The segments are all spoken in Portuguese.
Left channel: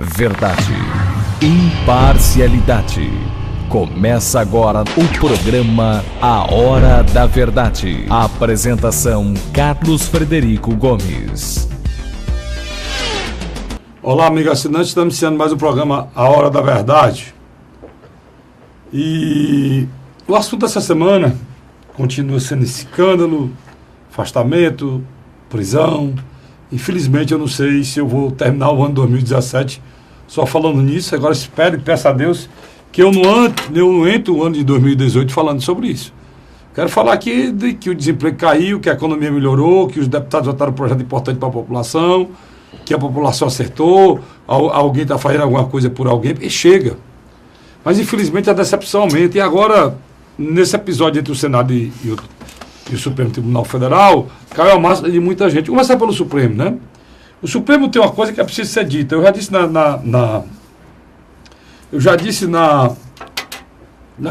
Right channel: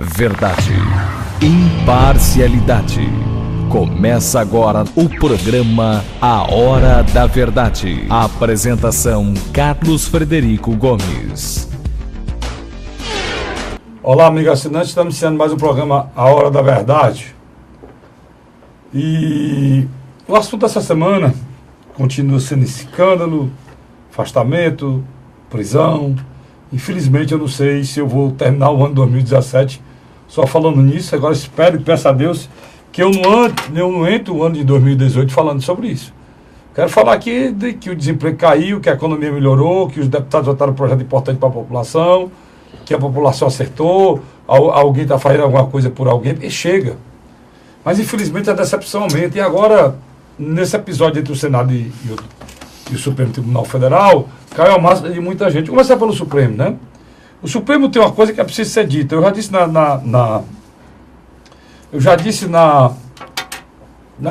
Verdade, imparcialidade. Começa agora o programa A Hora da Verdade. A apresentação: Carlos Frederico Gomes. Olá, amigo assinante, estamos iniciando mais o programa A Hora da Verdade. E o assunto dessa semana continua sendo escândalo, afastamento, prisão. Infelizmente eu não sei se eu vou terminar o ano de 2017 só falando nisso. Agora espero e peço a Deus que eu não entro o ano de 2018 falando sobre isso. Quero falar aqui de que o desemprego caiu, que a economia melhorou, que os deputados votaram um projeto importante para a população, que a população acertou, alguém está fazendo alguma coisa por alguém, e chega. Mas infelizmente a decepção aumenta. E agora, nesse episódio entre o Senado e o Supremo Tribunal Federal, caiu a máscara de muita gente. Vou começar pelo Supremo, né? O Supremo tem uma coisa que é preciso ser dita. Eu já disse na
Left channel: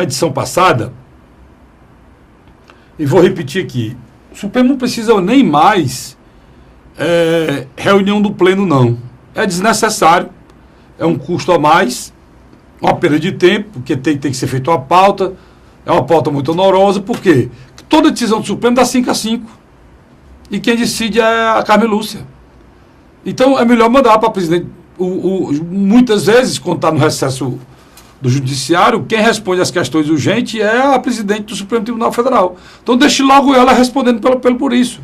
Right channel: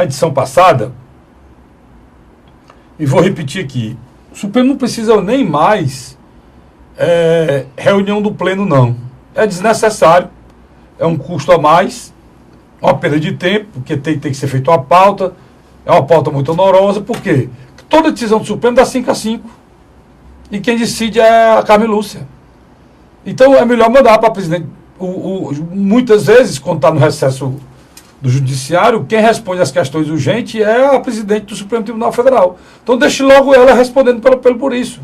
edição passada, e vou repetir aqui. O Supremo não precisa nem mais reunião do Pleno, não. É desnecessário, é um custo a mais, uma perda de tempo, porque tem que ser feita uma pauta, é uma pauta muito onorosa, por quê? Toda decisão do Supremo dá 5-5. E quem decide é a Carmen Lúcia. Então é melhor mandar para a presidente. Muitas vezes, quando está no recesso do Judiciário, quem responde às questões urgentes é a presidente do Supremo Tribunal Federal. Então deixe logo ela respondendo por isso.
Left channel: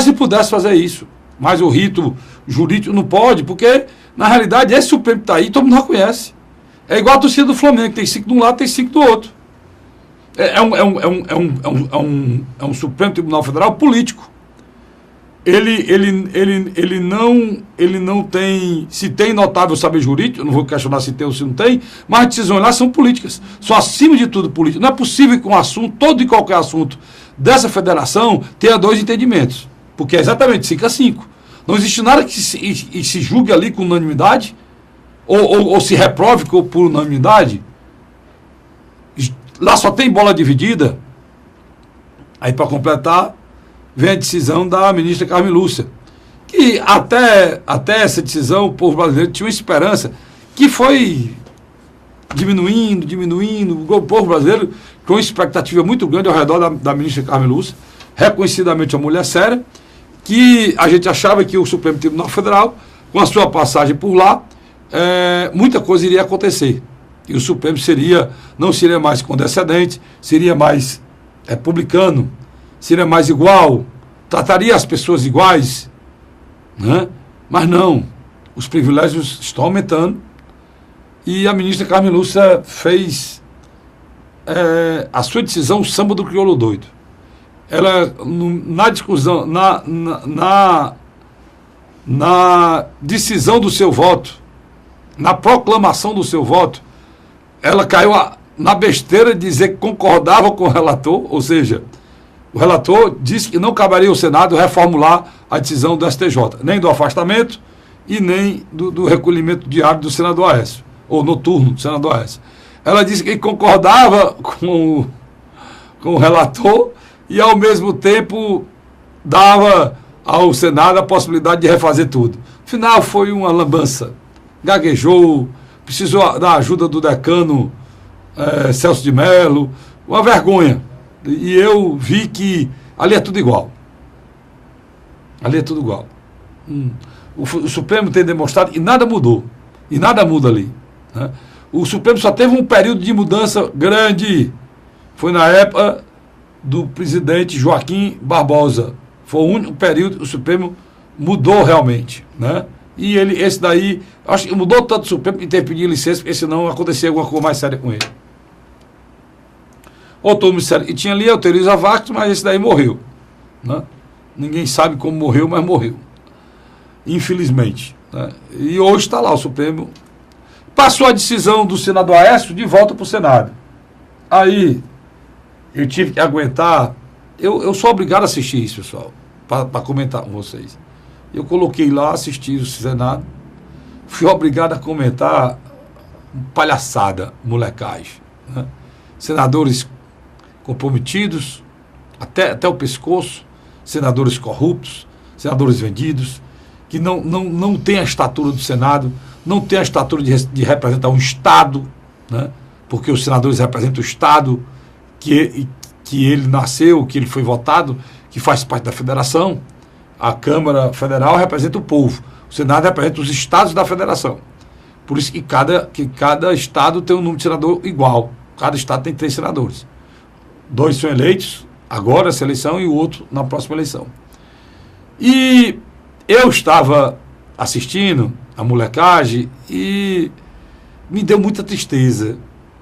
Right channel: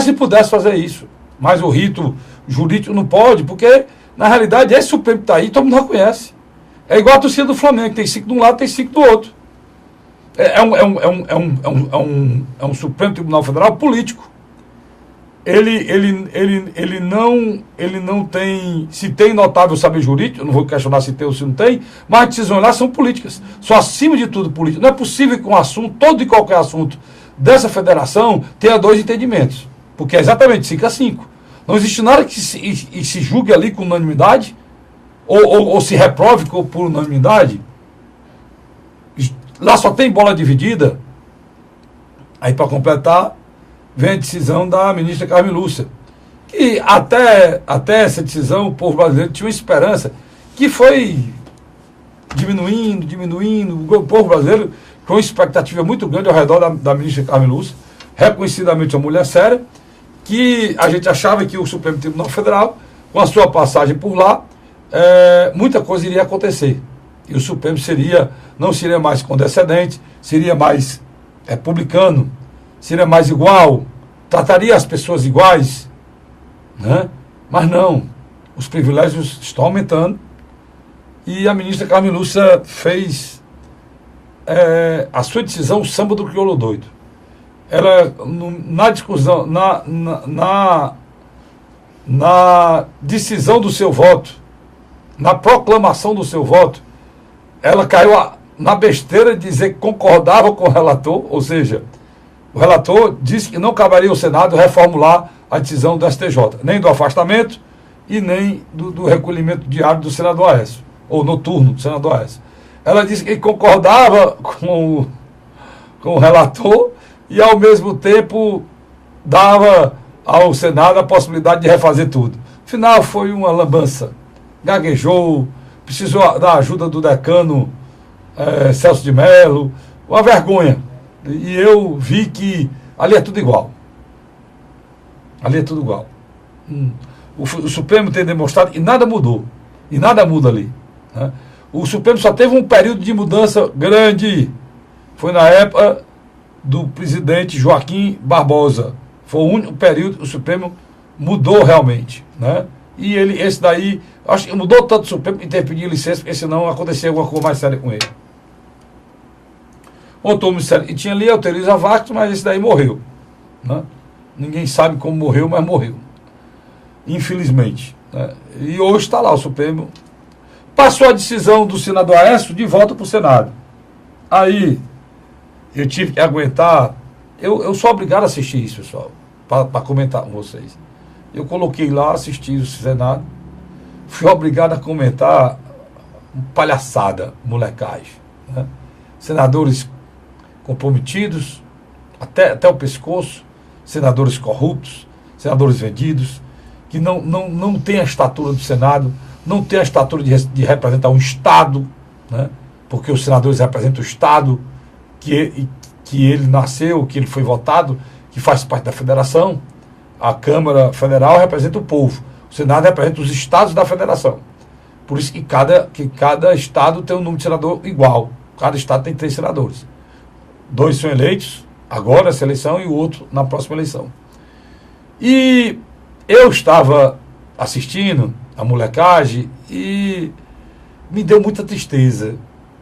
Se pudesse fazer isso. Mas o rito jurídico não pode, porque, na realidade, esse Supremo que está aí, todo mundo já conhece. É igual a torcida do Flamengo, tem 5 de um lado, tem 5 do outro. É um Supremo Tribunal Federal político. Ele não tem, se tem notável saber jurídico, eu não vou questionar se tem ou se não tem, mas as decisões lá são políticas. São acima de tudo políticas. Não é possível que um assunto, todo e qualquer assunto dessa federação tenha 2 entendimentos. Porque é exatamente 5-5. Não existe nada que se julgue ali com unanimidade, ou se reprove por unanimidade. Lá só tem bola dividida. Aí, para completar, vem a decisão da ministra Carmen Lúcia, que até essa decisão o povo brasileiro tinha uma esperança, que foi diminuindo, o povo brasileiro com uma expectativa muito grande ao redor da ministra Carmen Lúcia, reconhecidamente uma mulher séria, que a gente achava que o Supremo Tribunal Federal, com a sua passagem por lá, muita coisa iria acontecer. E o Supremo não seria mais condescendente, seria mais republicano, seria mais igual, trataria as pessoas iguais, né? Mas não, os privilégios estão aumentando e a ministra Carmen Lúcia fez a sua decisão samba do crioulo doido. Ela, na discussão, na decisão do seu voto, na proclamação do seu voto, ela caiu na besteira de dizer que concordava com o relator, ou seja, o relator disse que não caberia ao Senado reformular a decisão do STJ, nem do afastamento e nem do recolhimento diário do senador Aécio, ou noturno do senador Aécio. Ela disse que concordava com o relator e, ao mesmo tempo, dava ao Senado a possibilidade de refazer tudo. Afinal, foi uma lambança. Gaguejou, precisou da ajuda do decano Celso de Mello, uma vergonha. E eu vi que ali é tudo igual. Ali é tudo igual. O Supremo tem demonstrado e nada mudou. E nada muda ali. Né? O Supremo só teve um período de mudança grande. Foi na época do presidente Joaquim Barbosa. Foi o único período que o Supremo mudou realmente. Né? E esse daí, acho que mudou tanto o Supremo que teve que pedir licença, porque senão acontecia alguma coisa mais séria com ele. Outro ministério que tinha ali, autoriza Vacos, mas esse daí morreu. Né? Ninguém sabe como morreu, mas morreu. Infelizmente. Né? E hoje está lá o Supremo. Passou a decisão do senador Aécio de volta para o Senado. Aí, eu tive que aguentar. Eu sou obrigado a assistir isso, pessoal, para comentar com vocês. Eu coloquei lá, assisti o Senado, fui obrigado a comentar palhaçada, molecagem. Né? Senadores comprometidos, até o pescoço, senadores corruptos, senadores vendidos, que não tem a estatura do Senado, não tem a estatura de representar um Estado, né? Porque os senadores representam o Estado que ele nasceu, que ele foi votado, que faz parte da federação. A Câmara Federal representa o povo, o Senado representa os estados da federação. Por isso que cada estado tem um número de senador igual. Cada estado tem 3 senadores. 2 são eleitos agora nessa eleição e o outro na próxima eleição. E eu estava assistindo a molecagem e me deu muita tristeza,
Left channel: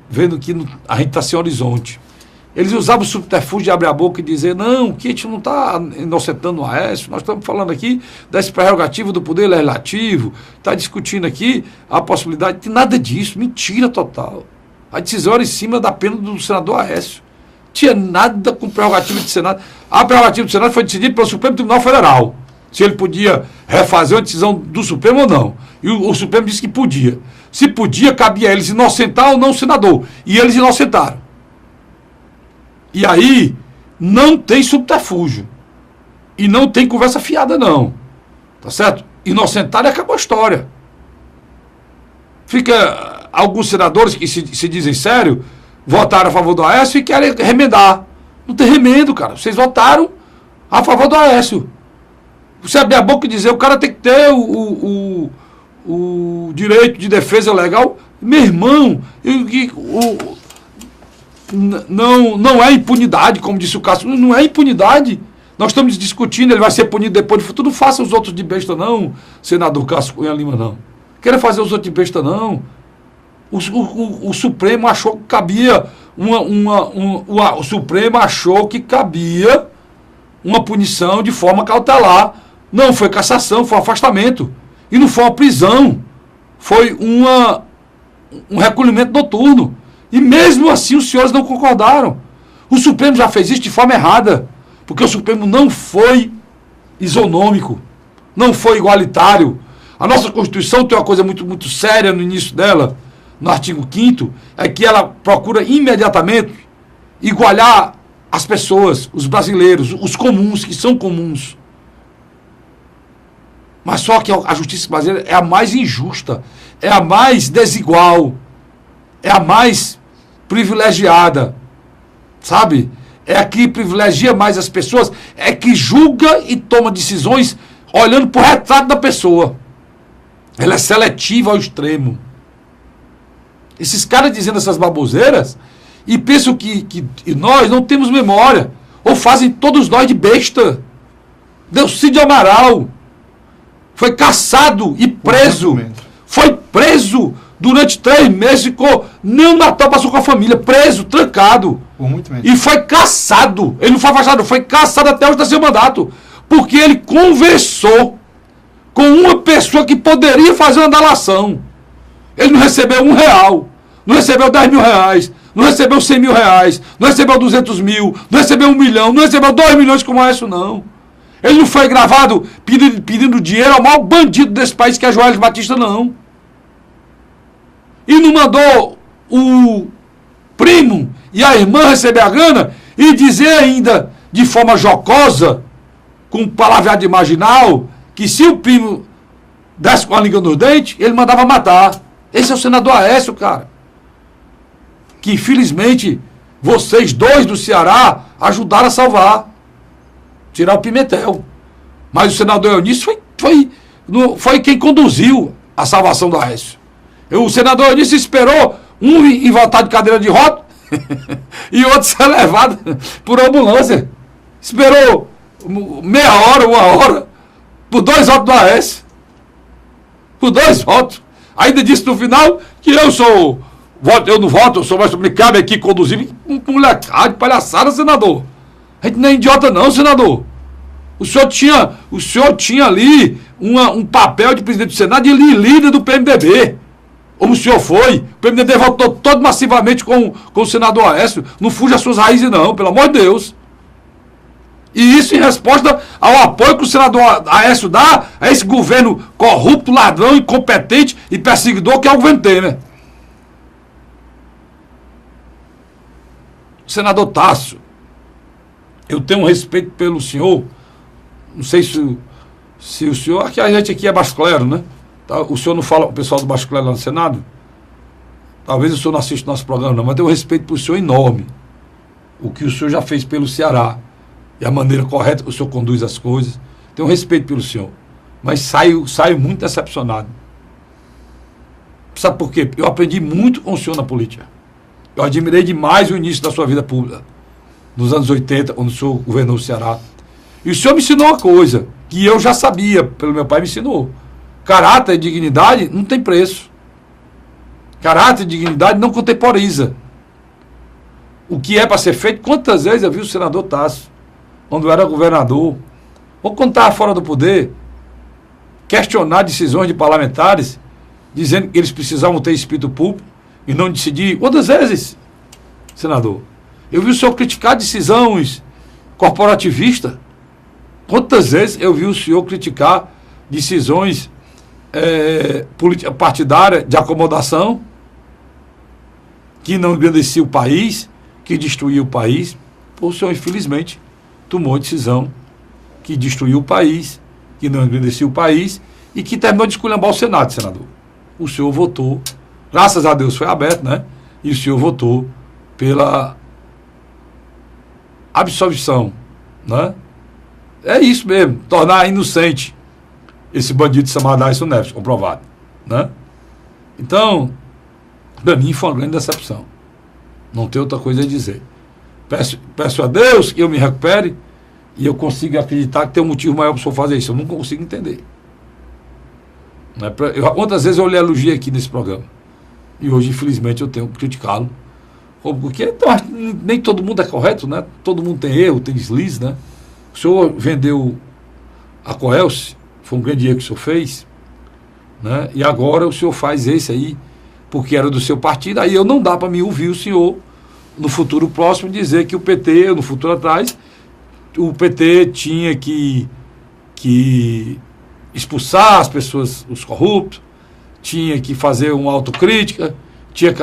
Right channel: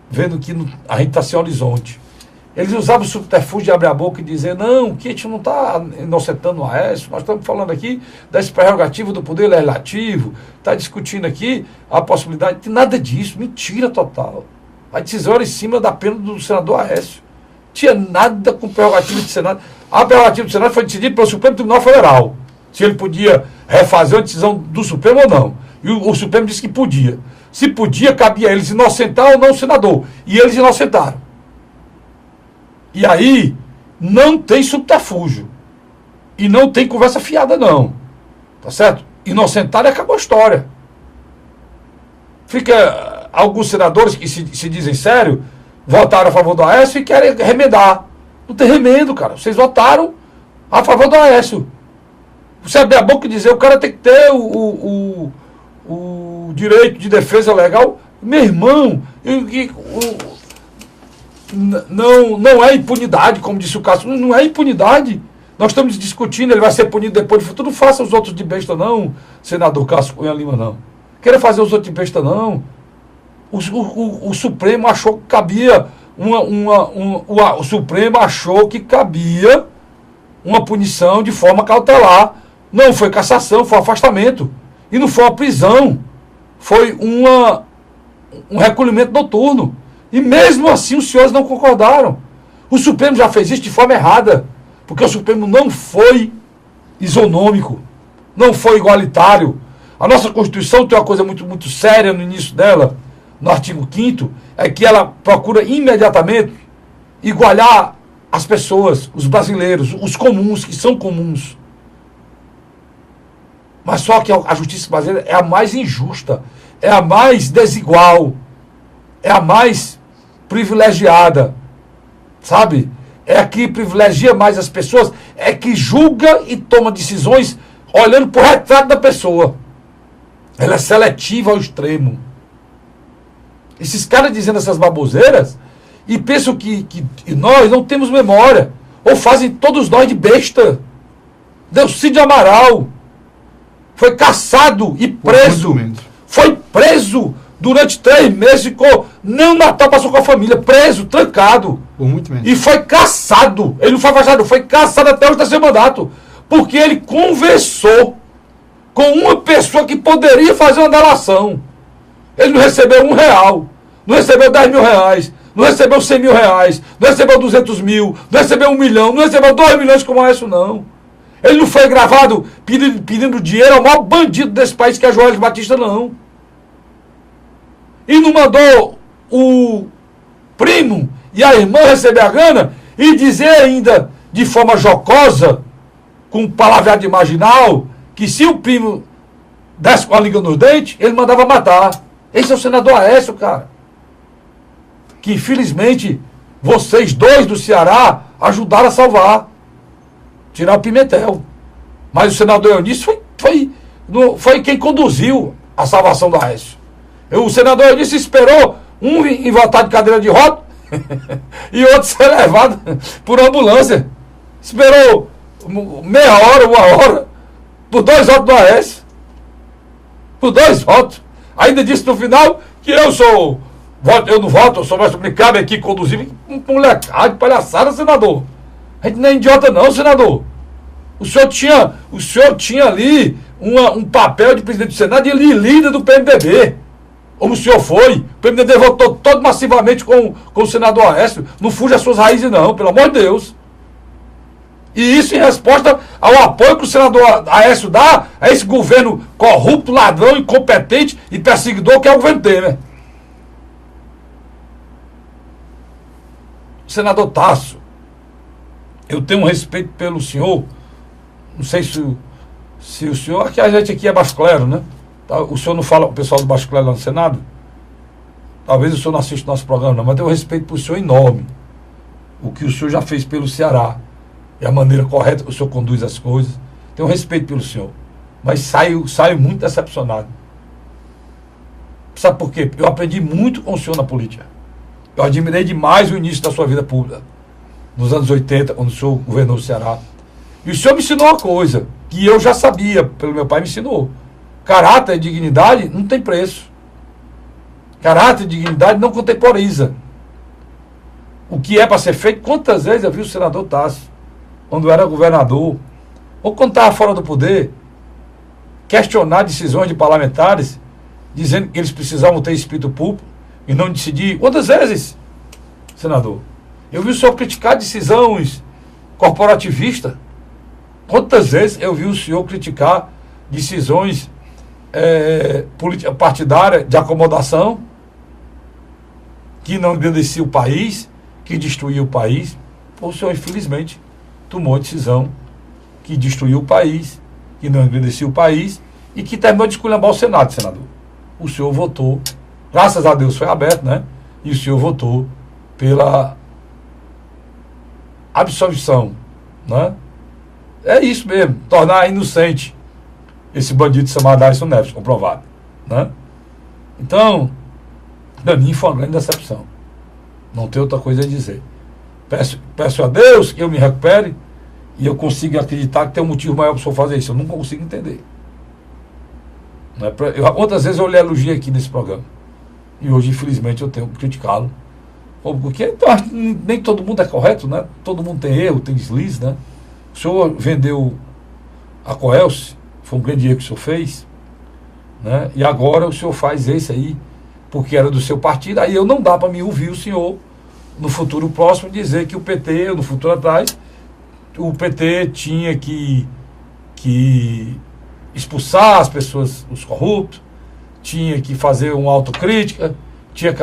vendo que a gente está sem horizonte. Eles usavam o subterfúgio de abrir a boca e dizer, não, que a gente não está inocentando o Aécio, nós estamos falando aqui das prerrogativas do Poder Legislativo, está discutindo aqui a possibilidade de nada disso, mentira total. A decisão era em cima da pena do senador Aécio. Tinha nada com prerrogativa do Senado. A prerrogativa do Senado foi decidida pelo Supremo Tribunal Federal, se ele podia refazer a decisão do Supremo ou não. E o Supremo disse que podia. Se podia, cabia a eles inocentar ou não o senador. E eles inocentaram. E aí, não tem subterfúgio. E não tem conversa fiada, não. Tá certo? Inocentaram e acabou a história. Fica alguns senadores que se dizem sério, votaram a favor do Aécio e querem remendar. Não tem remendo, cara. Vocês votaram a favor do Aécio. Você abrir a boca e dizer o cara tem que ter o direito de defesa legal. Meu irmão, não é impunidade, como disse o Cássio. Não é impunidade. Nós estamos discutindo, ele vai ser punido depois de futuro. Não faça os outros de besta, não, senador Cássio Cunha Lima, não. Queira fazer os outros de besta, não. O Supremo achou que cabia o Supremo achou que cabia uma punição de forma cautelar. Não foi cassação, foi afastamento. E não foi uma prisão. Foi um recolhimento noturno. E mesmo assim os senhores não concordaram. O Supremo já fez isso de forma errada. Porque o Supremo não foi isonômico. Não foi igualitário. A nossa Constituição tem uma coisa muito, muito séria no início dela, no artigo 5º, é que ela procura imediatamente igualar as pessoas, os brasileiros, os comuns, que são comuns. Mas só que a justiça brasileira é a mais injusta, é a mais desigual, é a mais privilegiada, sabe? É a que privilegia mais as pessoas, é que julga e toma decisões olhando para o retrato da pessoa. Ela é seletiva ao extremo. Esses caras dizendo essas baboseiras e pensam que nós não temos memória, ou fazem todos nós de besta. Delcídio Amaral foi caçado e preso. Foi preso durante 3 meses, ficou não Natal, passou com a família, preso, trancado. Por muito menos. E foi caçado. Ele não foi afastado, foi caçado até o terceiro mandato. Porque ele conversou com uma pessoa que poderia fazer uma delação. Ele não recebeu R$1, não recebeu R$10.000, não recebeu R$100.000, não recebeu 200 mil, não recebeu 1 milhão, não recebeu 2 milhões como é isso, não. Ele não foi gravado pedindo dinheiro ao maior bandido desse país, que é Joelis Batista, não. E não mandou o primo e a irmã receber a grana e dizer ainda, de forma jocosa, com palavreado marginal, que se o primo desse com a língua nos dentes, ele mandava matar. Esse é o senador Aécio, cara. Que infelizmente vocês dois do Ceará ajudaram a salvar. Tirar o Pimentel. Mas o senador Eunício foi quem conduziu a salvação do Aécio. O senador Eunício esperou um em votar de cadeira de roda e outro ser levado por ambulância. Esperou meia hora, 1 hora, por 2 votos do Aécio. Por 2 votos. Ainda disse no final que eu não voto, eu sou mais, me cabe aqui conduzir molecada, palhaçada, senador. A gente não é idiota não, senador. O senhor tinha ali um papel de presidente do Senado e líder do PMDB. Como o senhor foi. O PMDB votou todo massivamente com o senador Aécio. Não fuja as suas raízes não, pelo amor de Deus. E isso em resposta ao apoio que o senador Aécio dá a esse governo corrupto, ladrão, incompetente e perseguidor que é o governo Temer. Senador Tássio, eu tenho um respeito pelo senhor. Não sei se Se o senhor, que a gente aqui é baixo clero, né? O senhor não fala, o pessoal do baixo clero lá no Senado, talvez o senhor não assista o nosso programa, não, mas tenho um respeito por o senhor enorme. O que o senhor já fez pelo Ceará e a maneira correta que o senhor conduz as coisas. Tenho um respeito pelo senhor. Mas saio muito decepcionado. Sabe por quê? Eu aprendi muito com o senhor na política. Eu admirei demais o início da sua vida pública, nos anos 80, quando o senhor governou o Ceará. E o senhor me ensinou uma coisa que eu já sabia, pelo meu pai me ensinou. Caráter e dignidade não tem preço. Caráter e dignidade não contemporiza. O que é para ser feito, quantas vezes eu vi o senador Tássio, quando era governador, ou quando estava fora do poder, questionar decisões de parlamentares, dizendo que eles precisavam ter espírito público e não decidir. Quantas vezes, senador? Eu vi o senhor criticar decisões corporativistas. Quantas vezes eu vi o senhor criticar decisões partidárias de acomodação que não engrandecia o país, que destruía o país? O senhor, infelizmente, tomou a decisão que destruiu o país, que não engrandecia o país e que terminou de esculhambar o Senado, senador. O senhor votou, graças a Deus foi aberto, né? E o senhor votou pela absolvição, né? É isso mesmo, tornar inocente esse bandido chamado Aécio Neves, comprovado, né? Então, para mim foi uma grande decepção. Não tem outra coisa a dizer. Peço a Deus que eu me recupere e eu consiga acreditar que tem um motivo maior para o senhor fazer isso. Eu nunca consigo entender. Quantas vezes eu lhe elogiei aqui nesse programa? E hoje, infelizmente, eu tenho que criticá-lo. Porque nem todo mundo é correto, né? Todo mundo tem erro, tem deslize, né? O senhor vendeu a Coelce, foi um grande erro que o senhor fez, né? E agora o senhor faz esse aí, porque era do seu partido. Aí eu não dá para mim ouvir o senhor, no futuro próximo, dizer que o PT, no futuro atrás, o PT tinha que expulsar as pessoas, os corruptos, tinha que fazer uma autocrítica,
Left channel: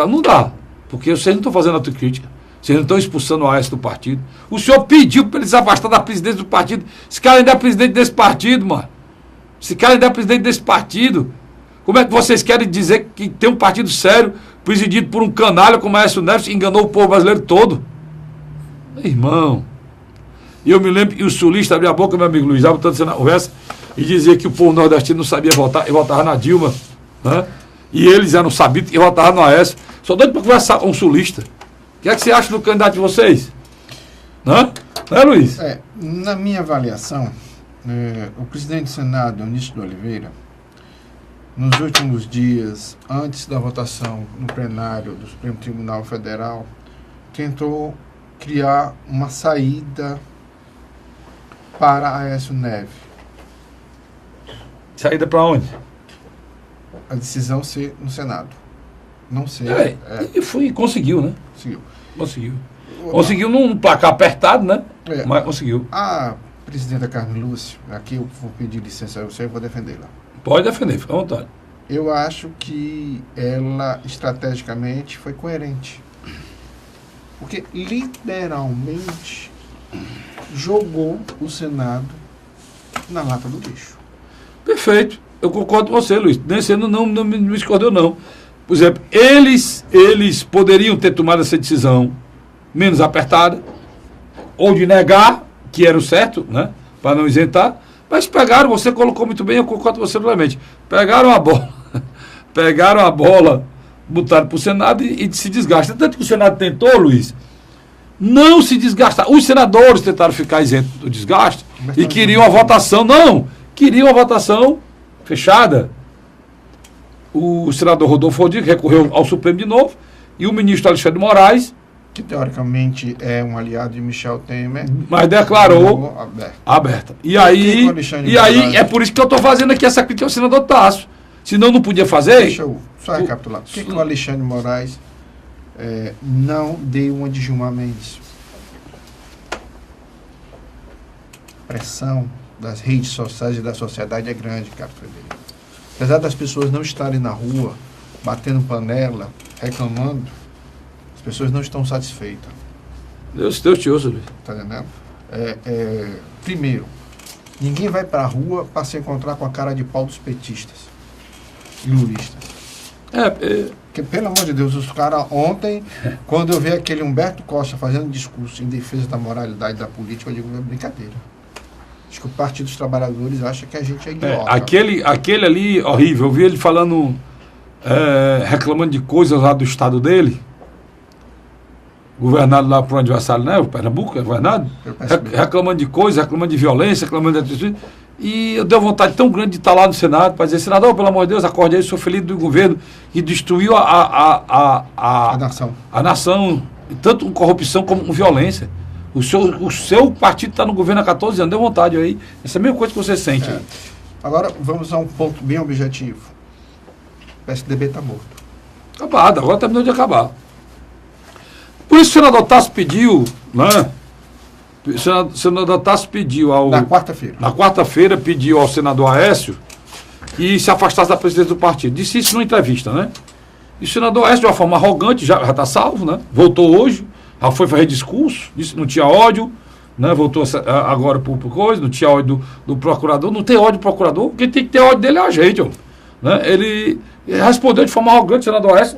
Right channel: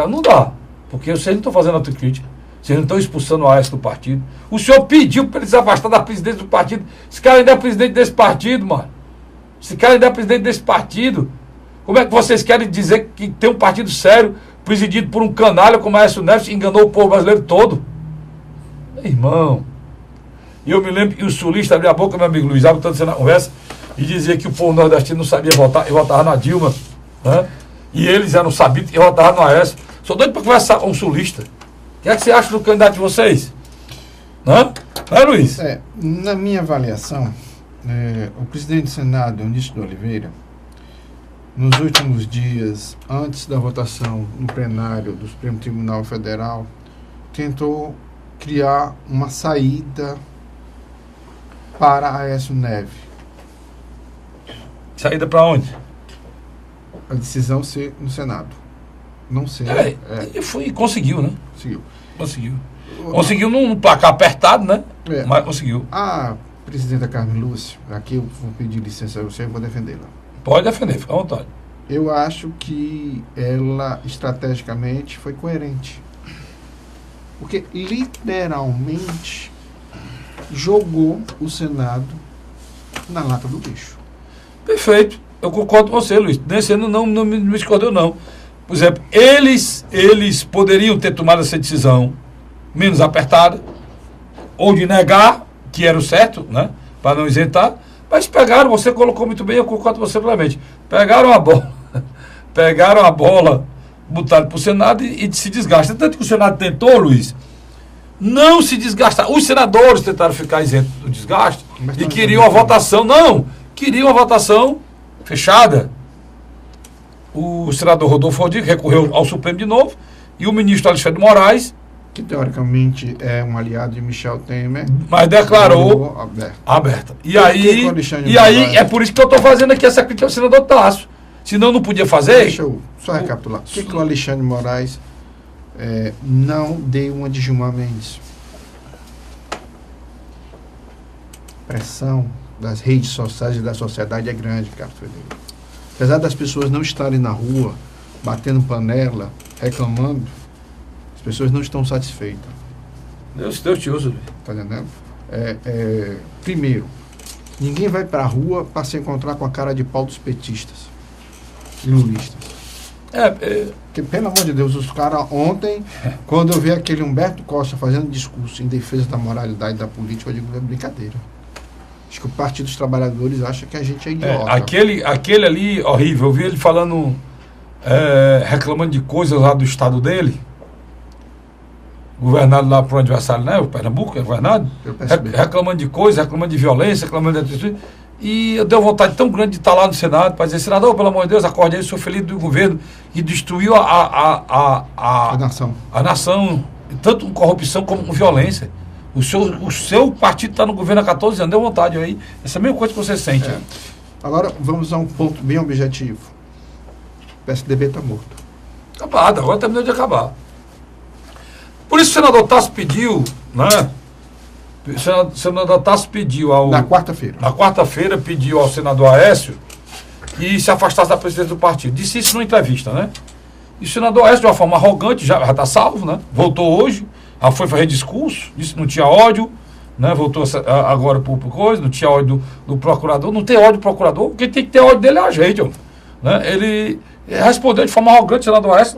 não dá, porque vocês não estão fazendo autocrítica, vocês não estão expulsando o Aécio do partido. O senhor pediu para ele se afastar da presidência do partido. Esse cara ainda é presidente desse partido, mano. Esse cara ainda é presidente desse partido. Como é que vocês querem dizer que tem um partido sério, presidido por um canalha como Aécio Neves, que enganou o povo brasileiro todo? Irmão, e eu me lembro que o sulista abria a boca, meu amigo Luiz, estava tanto na conversa, e dizia que o povo nordestino não sabia votar, e votava na Dilma, né? E eles eram sabidos e votavam no Aécio. Sou doido para conversar com um sulista. O que é que você acha do candidato de vocês? Não é, Luiz? Na minha avaliação, o presidente do Senado, Eunício de Oliveira, nos últimos dias, antes da votação no plenário do Supremo Tribunal Federal, tentou criar uma saída para Aécio Neves. Saída para onde? A decisão ser no Senado. Não sei. E conseguiu, né? Conseguiu. Conseguiu num placar apertado, né? Mas conseguiu. A presidenta Carmen Lúcia, aqui eu vou pedir licença a você, eu vou defendê-la. Pode defender, fica à vontade. Eu acho que ela, estrategicamente, foi coerente. Porque, literalmente, jogou o Senado na lata do lixo. Perfeito. Eu concordo com você, Luiz. Nesse ano não me discordou, não. Por exemplo, eles poderiam ter tomado essa decisão menos apertada, ou de negar que era o certo, né? Para não isentar, mas pegaram, você colocou muito bem, eu concordo com você plenamente. Pegaram a bola, botaram para o Senado e se desgasta. Tanto que o Senado tentou, Luiz, não se desgastar. Os senadores tentaram ficar isentos do desgaste e queriam a votação. Não, queriam a votação fechada. O senador Rodolfo Rodrigues recorreu ao Supremo de novo e o ministro Alexandre de Moraes, que teoricamente é um aliado de Michel Temer, mas declarou aberta. E aí é por isso que eu estou fazendo aqui essa crítica ao senador Tássio. Senão não podia fazer. Deixa eu só recapitular. Por que o Alexandre de Moraes não deu uma de Gilmar Mendes? A pressão das redes sociais e da sociedade é grande, Carlos Frederico. Apesar das pessoas não estarem na rua, batendo panela, reclamando, as pessoas não estão satisfeitas. Deus te ouça, Luiz. Está entendendo? Primeiro, Ninguém vai para a rua para se encontrar com a cara de pau dos petistas e lulistas. Porque, pelo amor de Deus, os caras ontem, quando eu vi aquele Humberto Costa fazendo discurso em defesa da moralidade da política, eu digo, é brincadeira. Acho que o Partido dos Trabalhadores acha que a gente é idiota. Aquele ali, horrível, eu vi ele falando, reclamando de coisas lá do estado dele, governado lá por um adversário, né? O Pernambuco, é governado, reclamando de coisas, reclamando de violência, reclamando de... E eu dei uma vontade tão grande de estar lá no Senado para dizer, senador, pelo amor de Deus, acorde aí, sou feliz do governo e destruiu a nação, tanto com corrupção como com violência. O seu partido está no governo há 14 anos, deu vontade aí. Isso é a mesma coisa que você sente. Agora, vamos a um ponto bem objetivo. O PSDB está morto. Acabado, agora terminou de acabar. Por isso o senador Tasso pediu, né? O senador Tasso pediu na quarta-feira. Na quarta-feira pediu ao senador Aécio que se afastasse da presidência do partido. Disse isso numa entrevista, né? E o senador Aécio, de uma forma arrogante, já está salvo, né? Voltou hoje, foi fazer discurso, disse que não tinha ódio, né? Voltou agora por coisa, não tinha ódio do procurador. Não tem ódio do procurador, quem tem que ter ódio dele é a gente, ó, né? Ele respondeu de forma arrogante, o senador Aécio,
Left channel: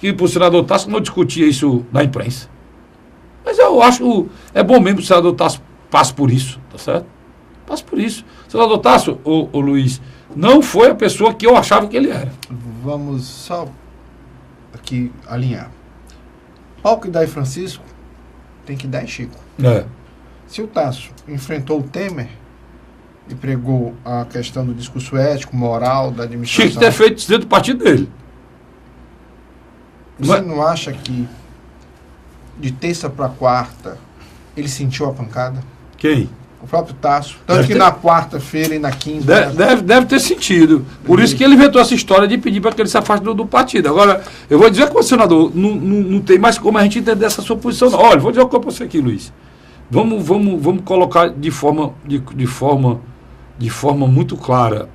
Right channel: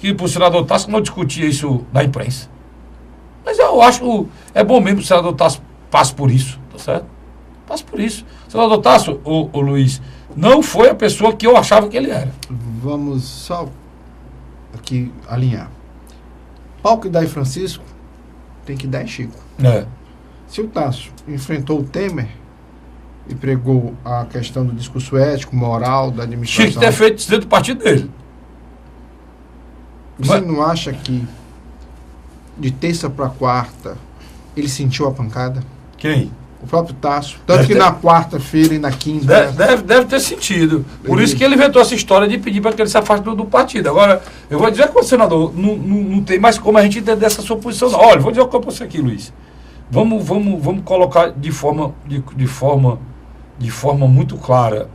que para o senador Tasso não discutia isso na imprensa. Mas eu acho que é bom mesmo que o senador Tasso passe por isso, tá certo? Passe por isso. O senador Tasso, o Luiz, não foi a pessoa que eu achava que ele era. Vamos só aqui alinhar. Pau que dá em Francisco, tem que dar em Chico. Se o Tasso enfrentou o Temer e pregou a questão do discurso ético, moral, da administração... Chico ter feito isso dentro do partido dele. Você não acha que de terça para quarta ele sentiu a pancada? Quem? O próprio Tasso. Tanto que na quarta-feira e na quinta... Deve ter sentido. Por isso que ele inventou essa história de pedir para que ele se afaste do partido. Agora, eu vou dizer que o senador não tem mais como a gente entender essa sua posição. Não. Olha, vou dizer uma coisa para você aqui, Luiz. Vamos colocar de forma muito clara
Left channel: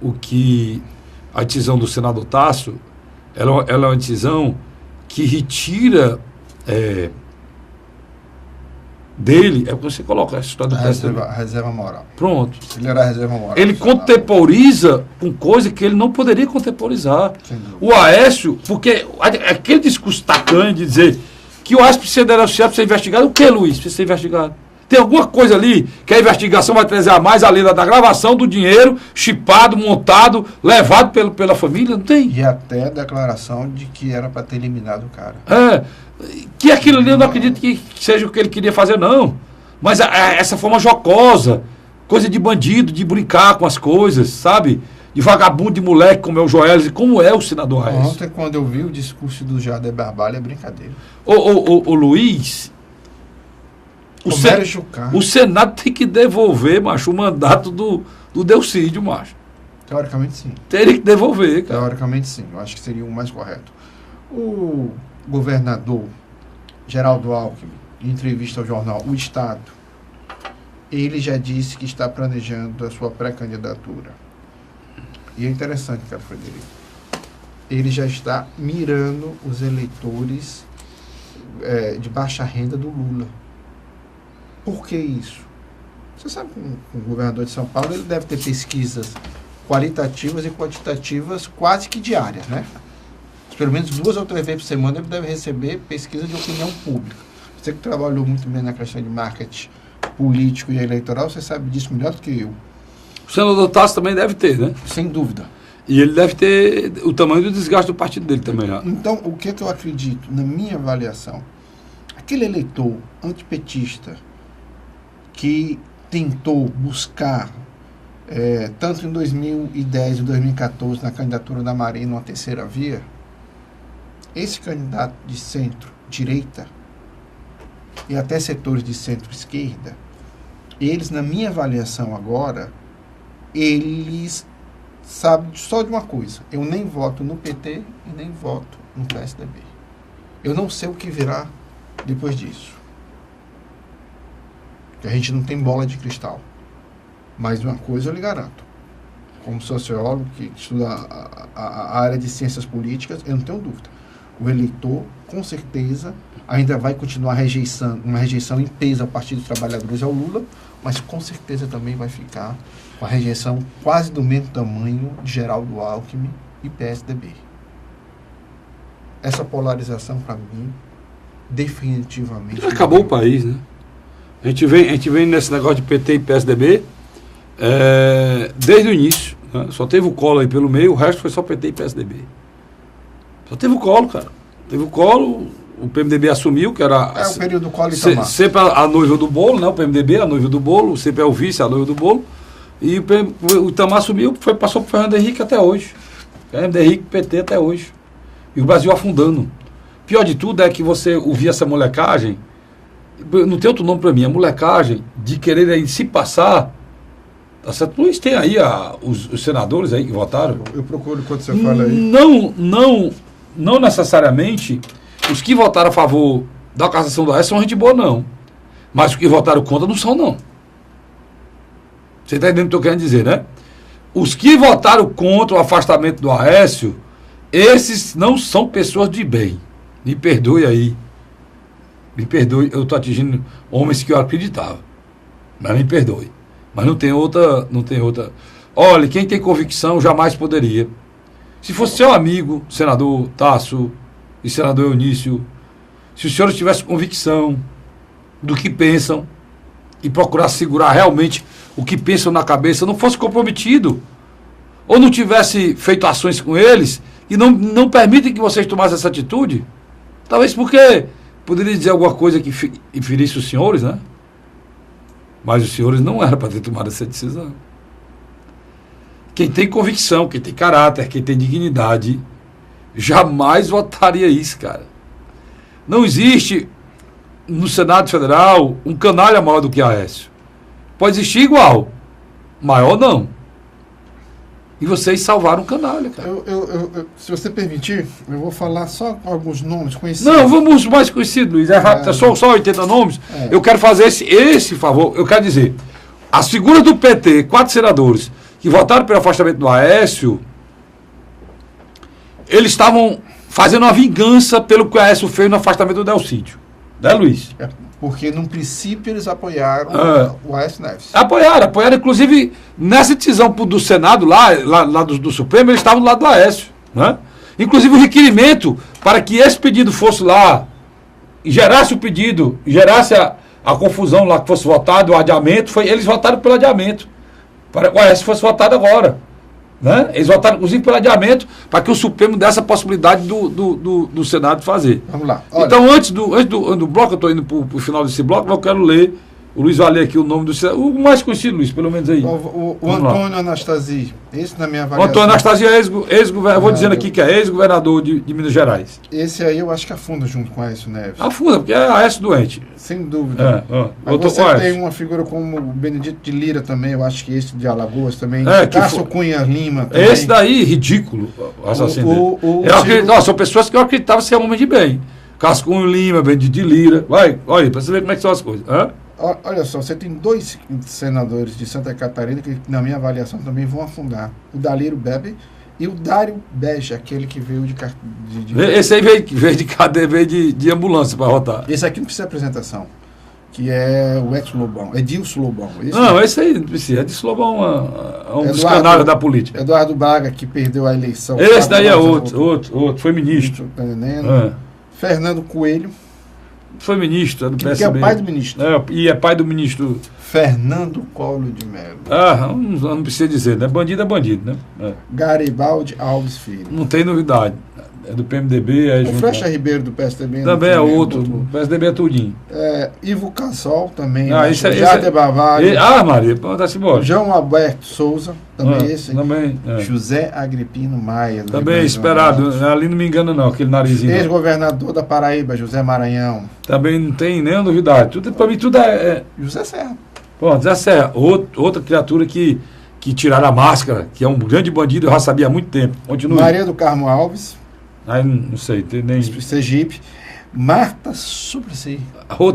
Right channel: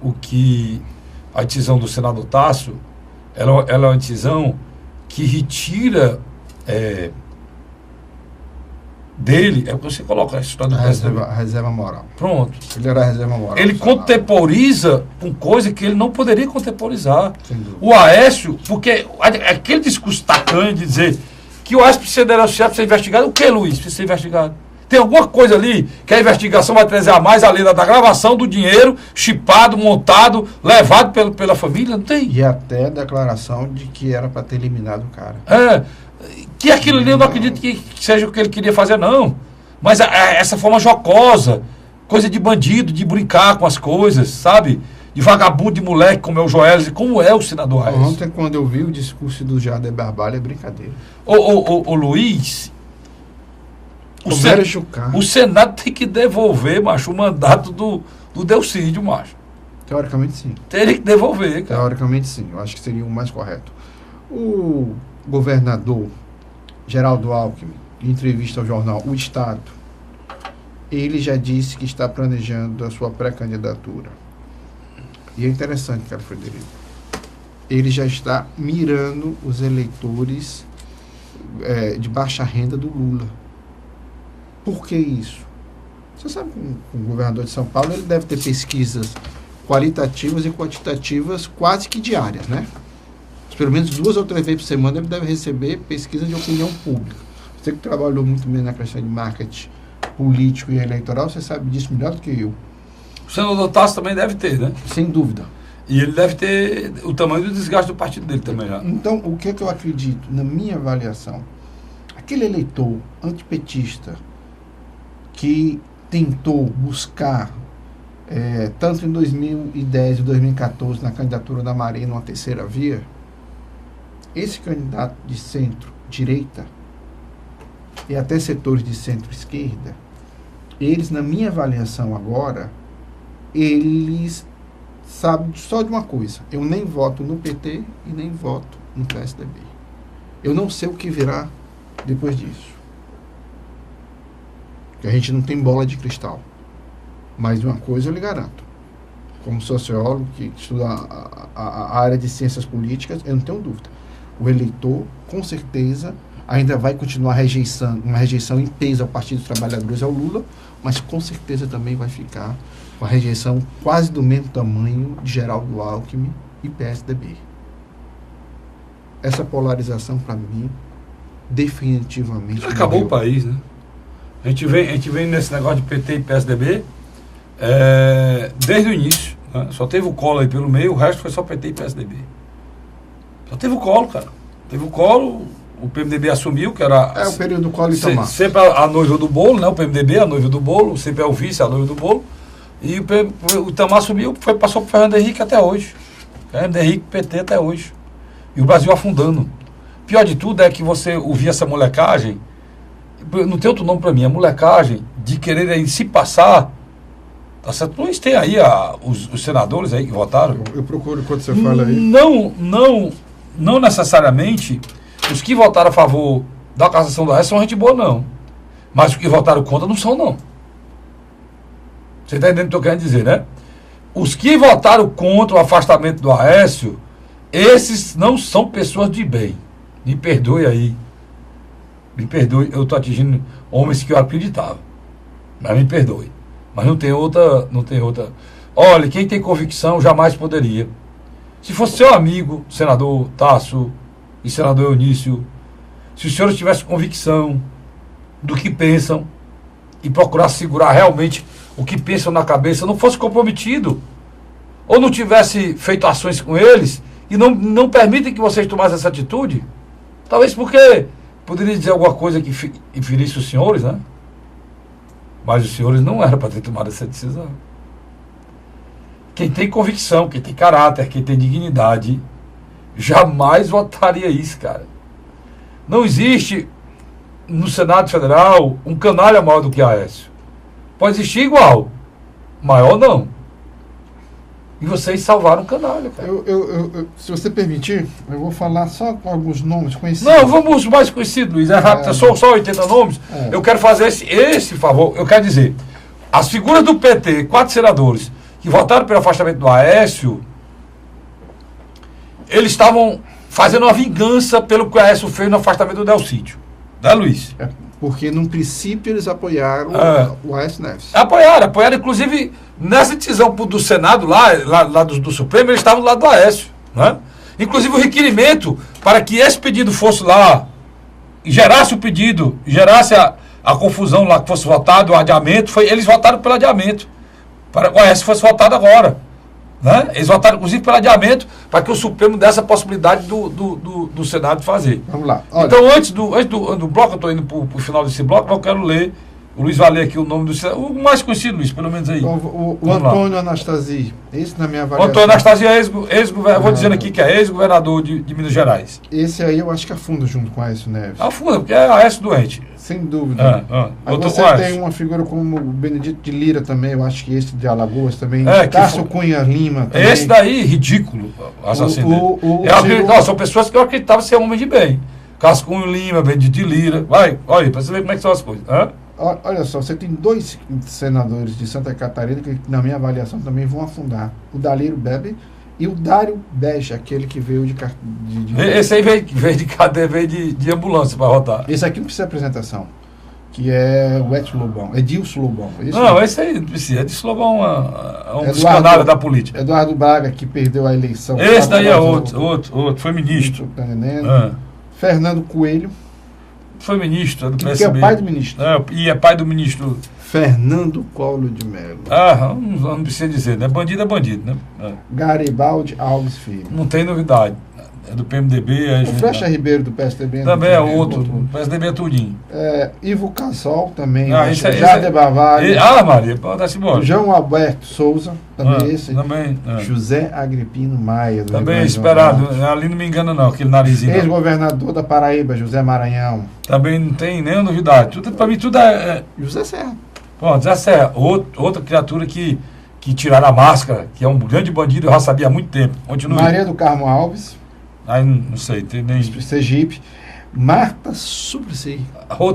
o que a decisão do senador Tasso, ela é uma decisão que retira dele, o que você coloca, a história da reserva moral. Pronto. Ele era a reserva moral. Ele contemporiza com coisa que ele não poderia contemporizar. O Aécio, porque aquele discurso tacanho de dizer que o Aécio precisa denunciar, precisa ser investigado, o que, Luiz? Precisa ser investigado. Tem alguma coisa ali que a investigação vai trazer a mais além da gravação do dinheiro, chipado, montado, levado pela família? Não tem. E até a declaração de que era para ter eliminado o cara. Que aquilo ali eu não acredito que seja o que ele queria fazer, não. Mas essa forma jocosa, coisa de bandido, de brincar com as coisas, sabe? De vagabundo, de moleque, como é o Joelis, como é o senador Aécio. Ontem, quando eu vi o discurso do Jader Barbalho, é brincadeira. Ô Luiz... O Senado tem que devolver, macho, o mandato do Delcídio, macho. Teoricamente, sim. Teria que devolver, cara. Teoricamente, sim. Eu acho que seria o mais correto. O governador Geraldo Alckmin, em entrevista ao jornal O Estado, ele já disse que está planejando a sua pré-candidatura. E é interessante, cara, Frederico. Ele já está mirando os eleitores de baixa renda do Lula. Por que isso? Você sabe que o governador de São Paulo ele deve ter pesquisas qualitativas e quantitativas quase que diárias, né? Pelo menos 2 ou 3 vezes por semana ele deve receber pesquisa de opinião pública. Você que trabalhou muito bem na questão de marketing político e eleitoral, você sabe disso melhor do que eu. O senador Tasso também deve ter, né? Sem dúvida. E ele deve ter o tamanho do desgaste do partido dele também. Já. Então, o que eu acredito, na minha avaliação, aquele eleitor antipetista que tentou buscar, tanto em 2010 e 2014, na candidatura da Marina, uma terceira via, esse candidato de centro-direita e até setores de centro-esquerda, eles, na minha avaliação agora, eles sabem só de uma coisa: eu nem voto no PT e nem voto no PSDB. Eu não sei o que virá depois disso. A gente não tem bola de cristal. Mas uma coisa eu lhe garanto. Como sociólogo que estuda a área de ciências políticas, eu não tenho dúvida. O eleitor, com certeza, ainda vai continuar uma rejeição em peso ao Partido dos Trabalhadores, ao Lula, mas com certeza também vai ficar com a rejeição quase do mesmo tamanho de Geraldo Alckmin e PSDB. Essa polarização, para mim, definitivamente... Acabou o país, né? A gente vem nesse negócio de PT e PSDB desde o início. Né? Só teve o Collor aí pelo meio, o resto foi só PT e PSDB. Só teve o Collor, cara. Teve o Collor, o PMDB assumiu, que era... o período do Collor e Itamar. Sempre a noiva do bolo, né? O PMDB, a noiva do bolo, sempre é o vice, a noiva do bolo. E o Itamar assumiu, passou para o Fernando Henrique até hoje. Fernando Henrique, PT até hoje. E o Brasil afundando. Pior de tudo é que você ouvir essa molecagem, não tem outro nome para mim, a molecagem de querer aí se passar, tá certo? Luiz, tem aí os senadores aí que votaram. Eu procuro quando você fala aí. Não necessariamente os que votaram a favor da cassação do Aécio são gente boa, não. Mas os que votaram contra não são, não. Você está entendendo o que eu quero dizer, né? Os que votaram contra o afastamento do Aécio, esses não são pessoas de bem. Me perdoe aí. Me perdoe, eu estou atingindo homens que eu acreditava. Mas me perdoe. Mas não tem outra. Olha, quem tem convicção jamais poderia. Se fosse seu amigo, senador Tasso e senador Eunício, se os senhores tivessem convicção do que pensam e procurar segurar realmente o que pensam na cabeça, não fosse comprometido, ou não tivesse feito ações com eles e não permitem que vocês tomassem essa atitude, talvez porque poderia dizer alguma coisa que ferisse os senhores, né? Mas os senhores não eram para ter tomado essa decisão. Quem tem convicção, quem tem caráter, quem tem dignidade, jamais votaria isso, cara. Não existe no Senado Federal um canalha maior do que Aécio. Pode existir igual, maior não. E vocês salvaram o canalha, cara. Se você permitir, eu vou falar só alguns nomes conhecidos. Não, vamos mais conhecidos, Luiz. É rápido, só 80 nomes. Eu quero fazer esse favor. Eu quero dizer, as figuras do PT, 4 senadores, que votaram pelo afastamento do Aécio, eles estavam fazendo uma vingança pelo que o Aécio fez no afastamento do Delcídio. Né, Luiz? Porque, no princípio, eles apoiaram o Aécio Neves. Apoiaram. Inclusive, nessa decisão do Senado, lá do Supremo, eles estavam do lado do Aécio. Né? Inclusive, o requerimento para que esse pedido fosse lá, gerasse o pedido, gerasse a confusão lá, que fosse votado, o adiamento, eles votaram pelo adiamento. Para o Aécio fosse votado agora. Né? Eles votaram, inclusive, pelo adiamento, para que o Supremo desse a possibilidade do Senado fazer. Vamos lá. Olha. Então, antes do bloco, eu estou indo para o final desse bloco, mas eu quero ler, o Luiz vai ler aqui o nome do senador, o mais conhecido, Luiz, pelo menos aí. O Antônio Anastasi, esse na minha avaliação. Antônio Anastasi é ex-governador, vou dizendo aqui que é ex-governador de Minas Gerais. Esse aí eu acho que afunda junto com Aécio Neves. Afunda, porque é Aécio doente. Sem dúvida. Mas você tem uma figura como o Benedito de Lira também, eu acho que esse de Alagoas também. Cássio Cunha Lima também. Esse daí, ridículo, assassino dele. São pessoas que eu acreditava ser homem de bem. Cássio Cunha Lima, Benedito de Lira. Vai, olha aí, para você ver como é que são as coisas. Olha só, você tem 2 senadores de Santa Catarina que, na minha avaliação, também vão afundar. O Dalírio Bebe e o Dário Beja, aquele que veio de esse aí veio de cadeia, veio de ambulância para rotar. Esse aqui não precisa de apresentação, que é o ex-Lobão, Edilson Lobão. Esse aí não precisa, Edilson Lobão é um dos canários da política. Eduardo Braga, que perdeu a eleição. Esse daí é outro, foi ministro. Fernando Coelho. Foi ministro do PSB. Que é pai do ministro. E é pai do ministro... Fernando Collor de Mello. Não precisa dizer, né? Bandido é bandido, né? Garibaldi Alves Filho. Não tem novidade. É do PMDB. O Flecha Ribeiro do PSDB. Também é outro. O PSDB é tudinho. Ivo Cassol também. Jader Barvalho. Maria, pode-se embora. João Alberto Souza. Também esse. Também. José Agripino Maia. Também esperado. Ali não me engano não, aquele narizinho. Ex-governador da Paraíba, José Maranhão. Também não tem nenhuma novidade. Para mim tudo é... José Serra. José Serra. Outra criatura que tiraram a máscara, que é um grande bandido, eu já sabia há muito tempo. Continua. Maria do Carmo Alves. Não sei, tem nem... Sergipe. Marta Suplicy,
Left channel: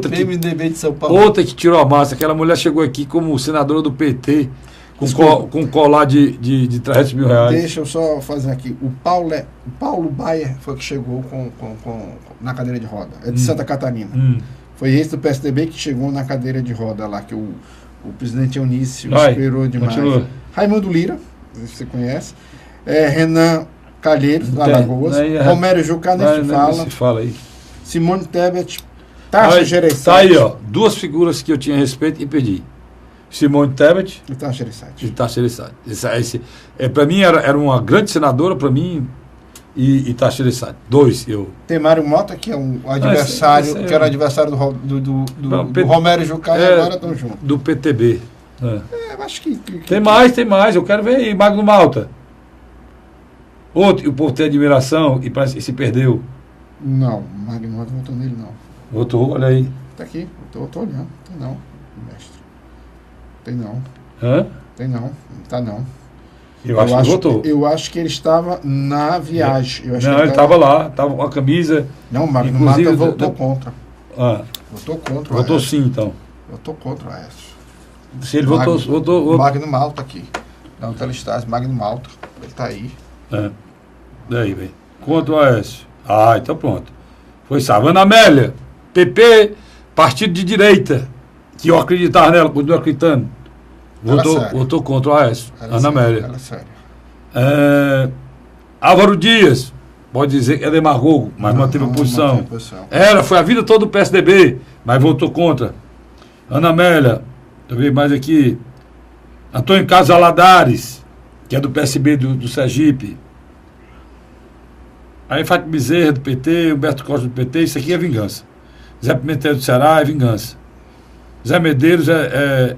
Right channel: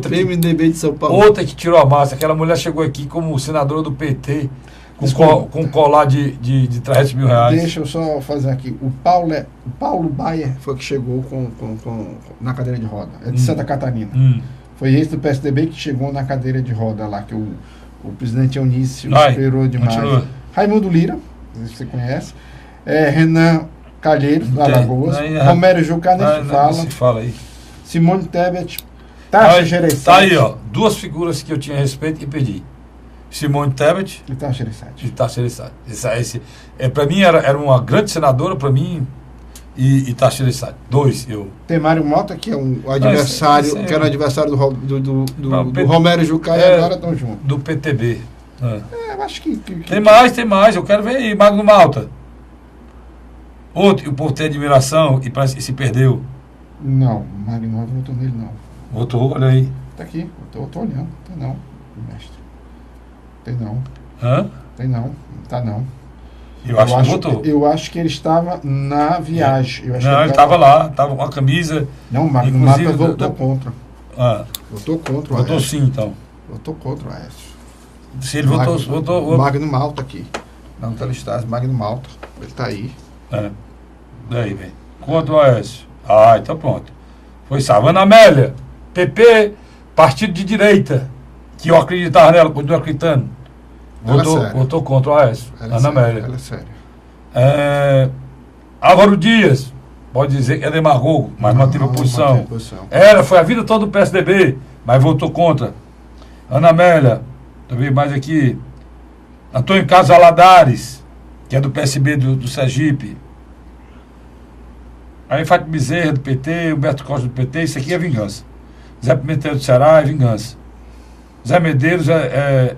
PMDB de São Paulo. Outra que tirou a massa, aquela mulher chegou aqui como senadora do PT, com colar de 300 mil reais. Deixa eu só fazer aqui. O Paulo Baia foi que chegou na cadeira de roda. É de Santa Catarina. Foi esse do PSDB que chegou na cadeira de roda lá, que o O presidente Eunício Vai, esperou demais. continua. Raimundo Lira, você conhece. Renan Calheiros, do Não tem, Alagoas. não, Romero Jucá, nem se Não fala. se fala aí. Simone Tebet, Tasso Gereissati. Tá aí, ó. Duas figuras que eu tinha respeito e perdi. Simone Tebet E Tasso Gereissati. e Tasso Gereissati. Para mim, era uma grande senadora, para mim, e Tasso Gereissati. Dois, eu. Tem Mário Mota, que é o adversário, que era adversário do Romero Jucá, e agora estão juntos. Do PTB. Eu acho que Tem mais, eu quero ver aí. Magno Malta. Outro, o povo tem admiração e parece que se perdeu. Não, Mário Mota não votou nele, não. Votou, olha aí. Tá aqui, tô olhando. Tem não, mestre. Tem não. Hã? Tem não. Tá não. Eu acho que votou. Eu acho que ele estava na viagem. Eu acho Não, que ele estava lá, estava com a camisa. Não, o Magno Inclusive, Mata votou contra. Ah, Votou contra o votou Aécio. sim, então. Votou contra o Aécio. Se ele votou. Magno Malta aqui. Não, Telestase, Magno Malta. Ele tá aí. Daí, vem. Contra o Aécio. Ah, então pronto. Foi Savana Amélia, PP, partido de direita, que eu acreditava nela, continuo acreditando. Votou contra o Aécio. Ana Amélia. Ela é séria. Álvaro Dias, pode dizer que é demagogo, mas manteve a posição. Foi a vida toda do PSDB, mas votou contra. Ana Amélia, deixa eu ver mais aqui. Antônio Carlos Valadares, que é do PSB do Sergipe. Aí Fátima Bezerra, do PT, Humberto Costa, do PT, isso aqui é vingança. Zé Pimentel do Ceará é vingança. Zé Medeiros é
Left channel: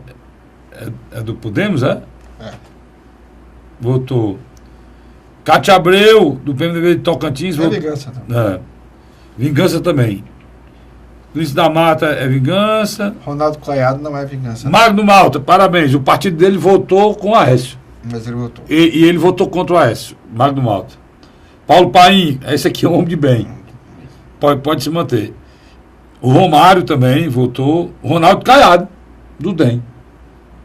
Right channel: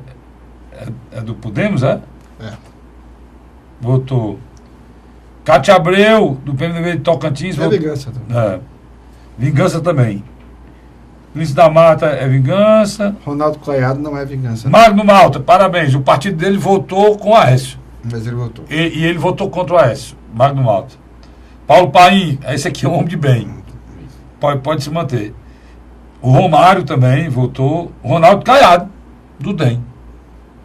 do Podemos, é? É. Votou. Cátia Abreu, do PMDB de Tocantins. É vingança também. Vingança também. Luiz da Mata é vingança. Ronaldo Caiado não é vingança. Magno Malta, parabéns. O partido dele votou com o Aécio. Mas ele votou. E ele votou contra o Aécio. Magno Malta. Paulo Paim, esse aqui é um homem de bem. Pode se manter. O Romário também votou. O Ronaldo Caiado, do DEM.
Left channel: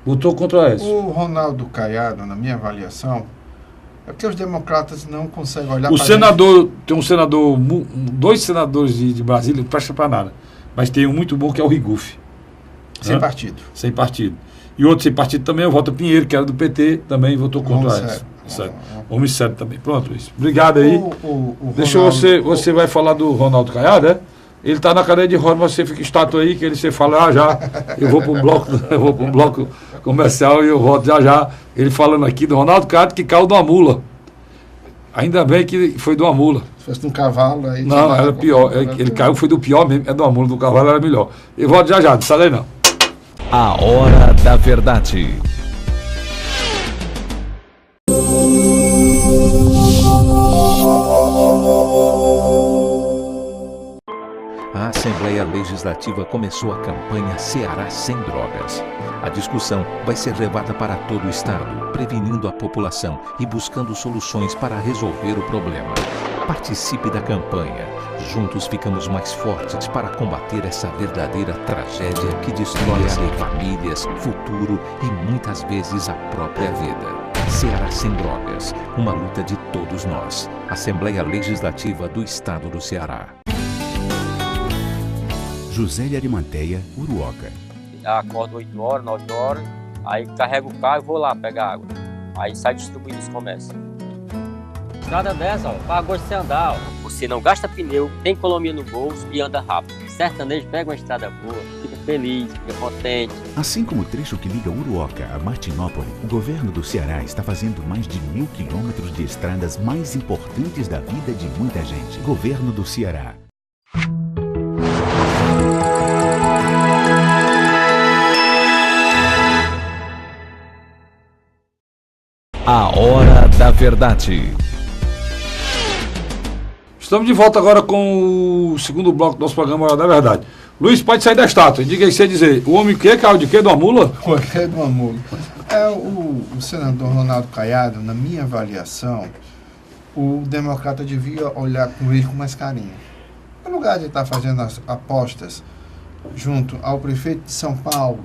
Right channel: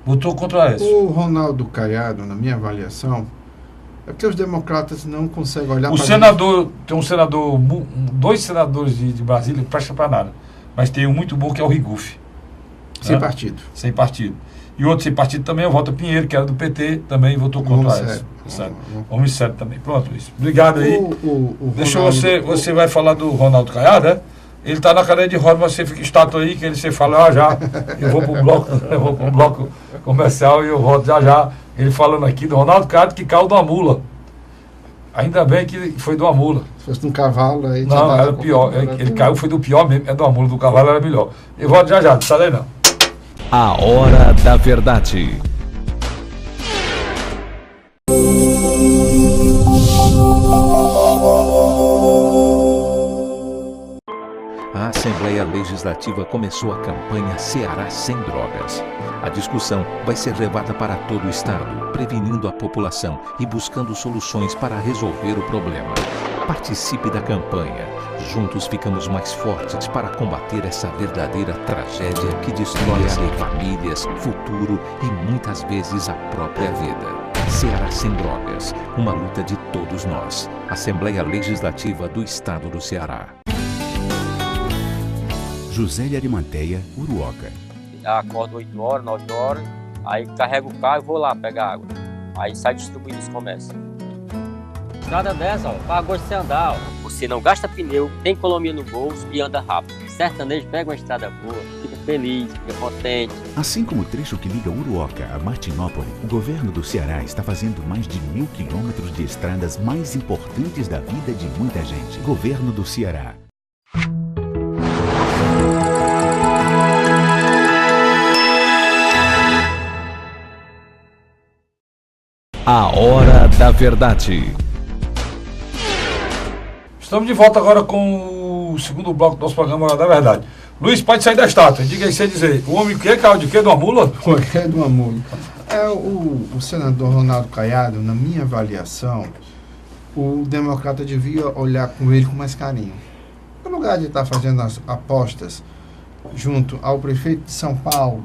Votou contra o Aécio. O Ronaldo Caiado, na minha avaliação, é porque os democratas não conseguem olhar O senador, tem um senador, dois senadores de Brasília, não presta para nada. Mas tem um muito bom que é o Rigufe. Sem partido. Sem partido. E outro sem partido também é o Walter Pinheiro, que era do PT, também votou contra o Aécio. Homem sério também. Pronto, Luiz. Obrigado aí. Deixa você vai falar do Ronaldo Caiado, né? Ele está na cadeira de roda, você fica estátua aí, que você fala já. Eu vou para um bloco comercial e eu volto já. Ele falando aqui do Ronaldo Caiado que caiu de uma mula. Ainda bem que foi de uma mula. Se fosse de um cavalo, aí... Não, era pior. Ele caiu, foi do pior mesmo. É de uma mula, do cavalo era melhor. Eu volto já, não sai daí não. A Hora da Verdade. A Assembleia Legislativa começou a campanha Ceará Sem Drogas. A discussão vai ser levada para todo o estado, prevenindo a população e buscando soluções para resolver o problema. Participe da campanha. Juntos ficamos mais fortes para combater essa verdadeira tragédia que destrói famílias, futuro e muitas vezes a própria vida. Ceará Sem Drogas, uma luta de todos nós. Assembleia Legislativa do Estado do Ceará. José de Arimanteia, Uruoca. Acordo 8 horas, 9 horas, aí carrego o carro e vou lá pegar água. Aí sai distribuindo os comércios. Estrada dessa, ó, pagou de você andar, ó. Você não gasta pneu, tem economia no bolso e anda rápido. Sertanejo pega uma estrada boa, fica feliz, fica contente. Assim como o trecho que liga Uruoca a Martinópole, o governo do Ceará está fazendo mais de 1.000 quilômetros de estradas mais importantes da vida de muita gente. Governo do Ceará. A Hora da Verdade. Estamos de volta agora com o segundo bloco do nosso programa Hora da Verdade. Luiz, pode sair da estátua. Diga aí, você dizer, o homem que caiu de quê? De uma mula? De uma mula. O senador Ronaldo Caiado, na minha avaliação, o democrata devia olhar com ele com mais carinho. No lugar de estar fazendo as apostas junto ao prefeito de São Paulo,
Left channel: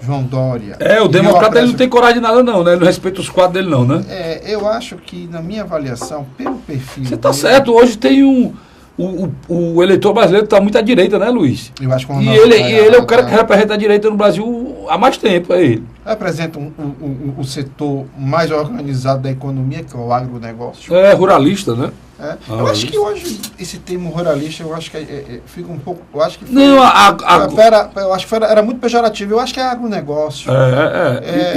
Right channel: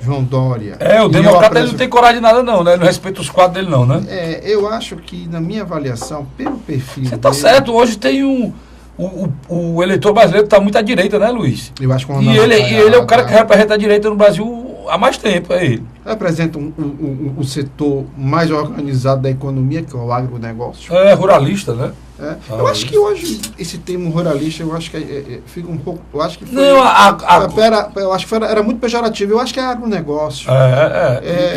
João Dória. O democrata ele não tem coragem de nada não, né? Ele não respeita os quadros dele não, né? Eu acho que, na minha avaliação, pelo perfil Você tá certo, hoje tem o eleitor brasileiro está muito à direita, né, Luiz? Eu acho que ele é o cara que representa a direita no Brasil há mais tempo, é ele. Representa o setor mais organizado da economia, que é o agronegócio. É ruralista, né? Eu acho que hoje esse termo ruralista, eu acho que fica um pouco. Eu acho que foi, Não, eu acho que era muito pejorativo. Eu acho que é agronegócio.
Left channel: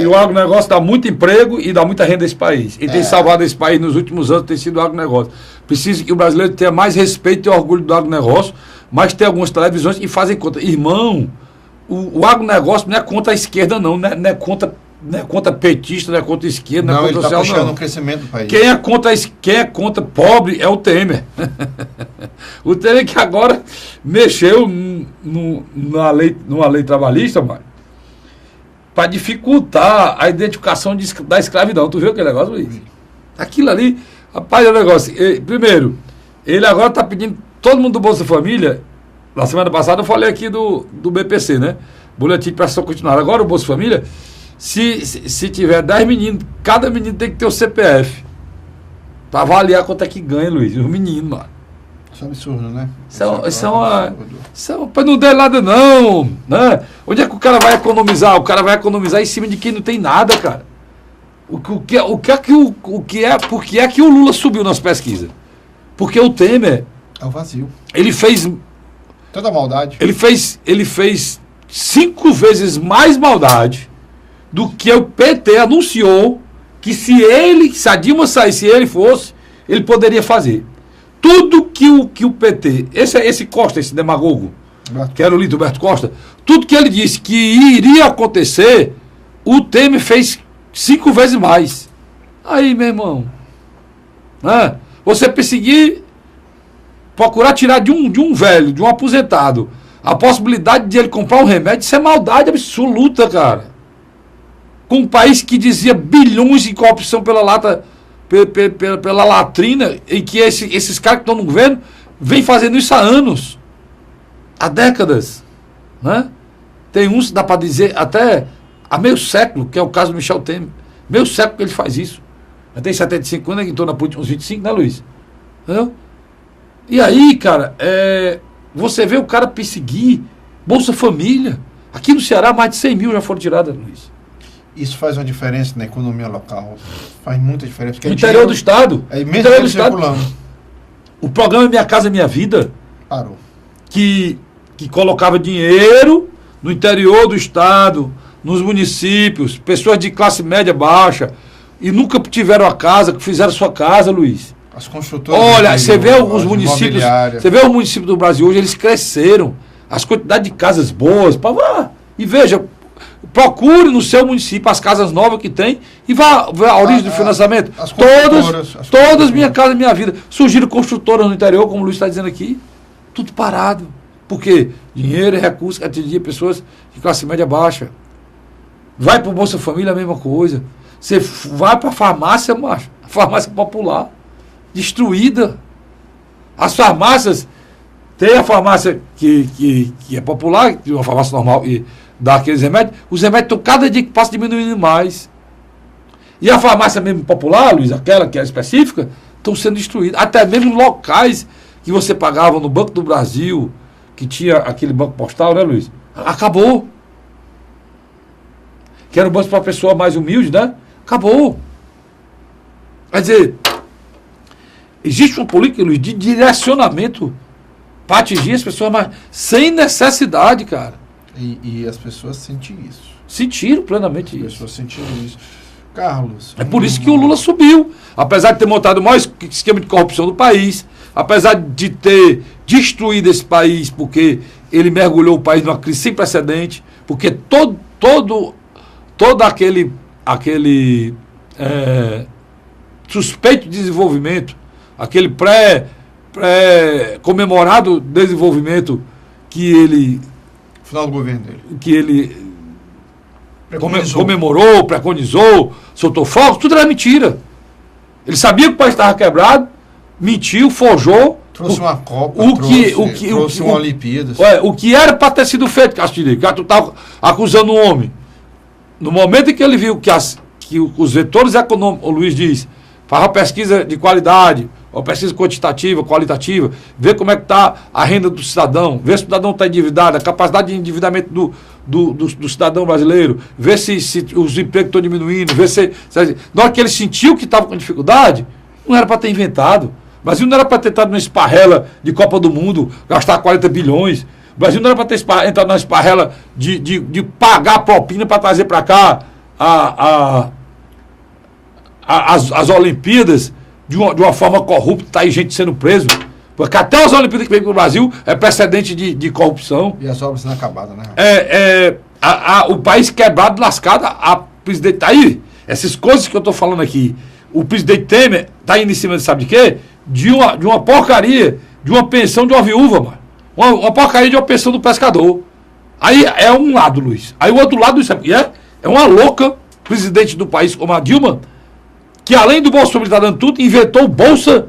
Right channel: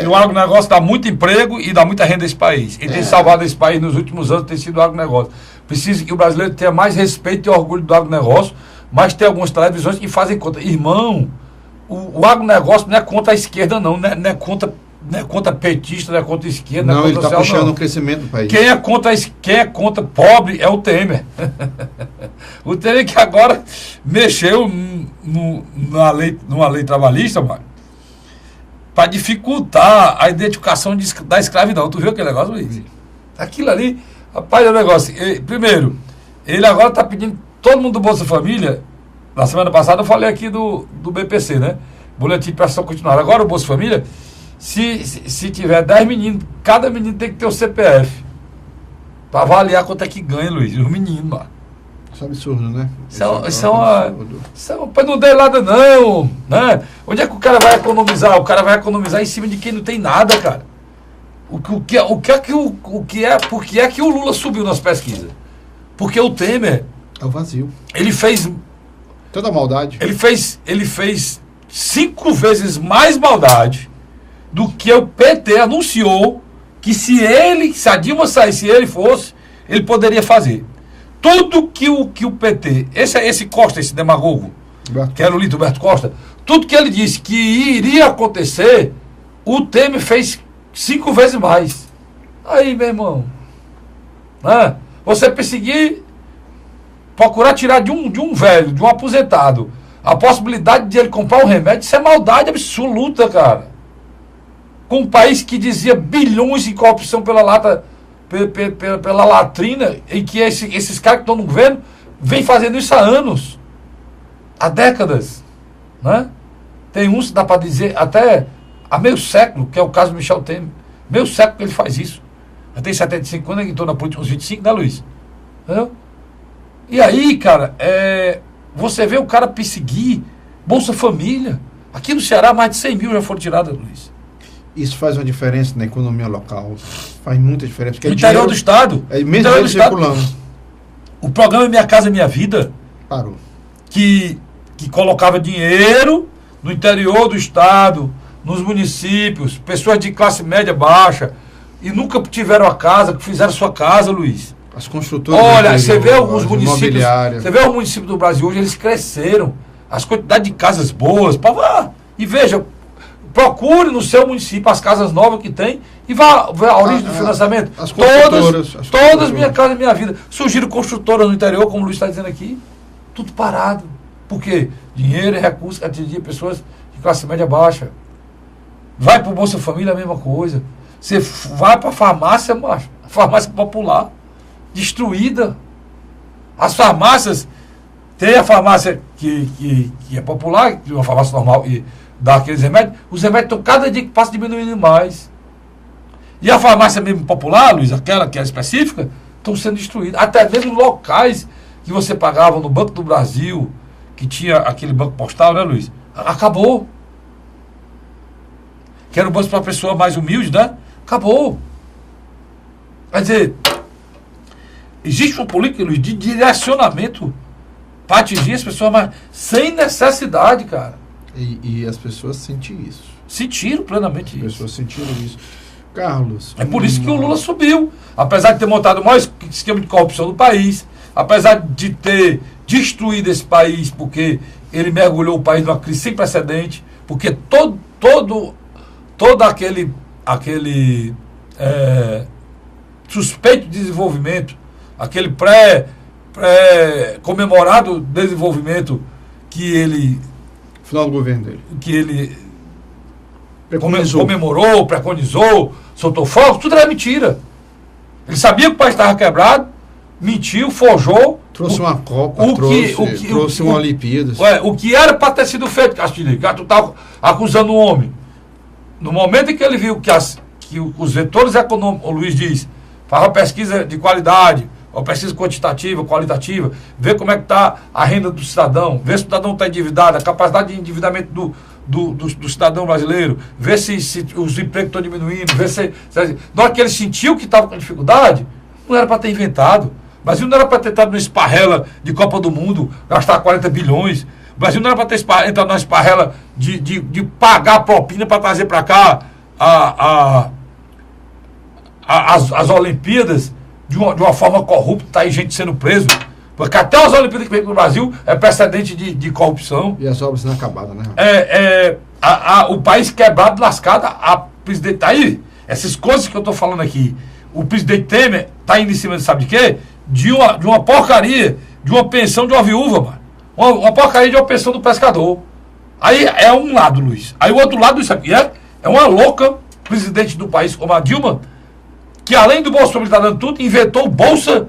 E o agronegócio dá muito emprego e dá muita renda a esse país. E tem salvado esse país nos últimos anos, tem sido o agronegócio. Precisa que o brasileiro tenha mais respeito e orgulho do agronegócio, mas tem algumas televisões que fazem conta. Irmão, o agronegócio não é contra a esquerda, não é contra petista, não é contra a esquerda, não é contra o social, puxando não. o crescimento do país. Quem é contra pobre é o Temer. O Temer que agora mexeu numa lei trabalhista, mano, para dificultar a identificação da escravidão. Tu viu aquele negócio, Luiz? Aquilo ali, rapaz, é um negócio. Primeiro, ele agora está pedindo todo mundo do Bolsa Família. Na semana passada eu falei aqui do BPC, né? Boletim de Prestação Continuada. Agora o Bolsa Família, se tiver 10 meninos, cada menino tem que ter o CPF. Para avaliar quanto é que ganha, Luiz. Os meninos, mano. Isso é absurdo, né? Isso é uma. Não dê nada, não. Né? Onde é que o cara vai economizar? O cara vai economizar em cima de quem não tem nada, cara. Por que é que o Lula subiu nas pesquisas? Porque o Temer. É o vazio. Ele fez. Toda maldade. Ele fez 5 vezes mais maldade do que o PT anunciou que se a Dilma saísse, se ele fosse, ele poderia fazer. Tudo que o PT, esse Costa, esse demagogo, que era o líder Roberto Costa, tudo que ele disse que iria acontecer, o Temer fez 5 vezes mais. Aí, meu irmão, né? Você perseguir, procurar tirar de um velho, de um aposentado, a possibilidade de ele comprar um remédio, isso é maldade absoluta, cara. Com um país que dizia bilhões de corrupção pela latrina, e que esses caras que estão no governo vêm fazendo isso há anos, há décadas, né? Tem uns, dá para dizer, até há meio século, que é o caso do Michel Temer. Meio século que ele faz isso. Eu tenho 75 anos, que estou na política uns 25, né, Luiz? Entendeu? E aí, cara, você vê o cara perseguir Bolsa Família. Aqui no Ceará, mais de 100 mil já foram tiradas, Luiz. Isso faz uma diferença na economia local. Faz muita diferença. No interior do estado. Interior do estado. O programa Minha Casa Minha Vida parou. Que colocava dinheiro no interior do estado, nos municípios, pessoas de classe média baixa, e nunca tiveram a casa, que fizeram sua casa, Luiz. As construtoras. Olha, você vê os municípios. Você vê os municípios do Brasil hoje, eles cresceram. As quantidades de casas boas. E veja, procure no seu município as casas novas que tem e vá ver a origem do financiamento. Todas Minha Casa Minha Vida. Surgiram construtoras no interior, como o Luiz está dizendo aqui. Tudo parado. Por quê? Dinheiro e recursos que atingia pessoas de classe média baixa. Vai para o Bolsa Família, a mesma coisa. Você vai para a farmácia, macho, a farmácia popular, destruída. As farmácias, tem a farmácia que é popular, uma farmácia normal e dá aqueles remédios, os remédios estão cada dia que passa diminuindo mais. E a farmácia mesmo popular, Luiz, aquela que é específica, estão sendo destruídas. Até mesmo locais que você pagava no Banco do Brasil, que tinha aquele banco postal, né, Luiz? Acabou. Que era um banco para a pessoa mais humilde, né? Acabou. Quer dizer, existe uma política, Luiz, de direcionamento para atingir as pessoas, mas sem necessidade, cara. E as pessoas sentiram isso. Sentiram plenamente isso. As pessoas sentiram isso. Carlos. É por isso que o Lula subiu. Apesar de ter montado o maior esquema de corrupção do país, apesar de ter destruído esse país, porque ele mergulhou o país numa crise sem precedente, porque todo aquele suspeito de desenvolvimento, aquele pré-comemorado desenvolvimento que ele... Final do governo dele. Que ele comemorou, preconizou, soltou fogos, tudo era mentira. Ele sabia que o país estava quebrado, mentiu, forjou. Trouxe uma Copa, trouxe uma Olimpíadas. O que era para ter sido feito, Castilho, que tu estava acusando um homem. No momento em que ele viu que os vetores econômicos, o Luiz diz, faz uma pesquisa de qualidade, uma pesquisa quantitativa, qualitativa, ver como é que está a renda do cidadão, ver se o cidadão está endividado, a capacidade de endividamento do cidadão brasileiro, ver se os empregos estão diminuindo, ver se na hora que ele sentiu que estava com dificuldade, não era para ter inventado. O Brasil não era para ter entrado numa esparrela de Copa do Mundo, gastar 40 bilhões. O Brasil não era para ter entrado numa esparrela de pagar a propina para trazer para cá as Olimpíadas de uma forma corrupta, tá aí gente sendo preso. Porque até as Olimpíadas que vem para o Brasil é precedente de corrupção. E as obras inacabadas, né? O país quebrado, lascado, a presidente tá aí. Essas coisas que eu estou falando aqui, o presidente Temer está indo em cima de sabe de quê? De uma porcaria, de uma pensão de uma viúva, mano. Uma porcaria de uma pensão do pescador. Aí é um lado, Luiz. Aí o outro lado, sabe o que é? É uma louca presidente do país como a Dilma, que além do Bolsa Família tá dando tudo, inventou o Bolsa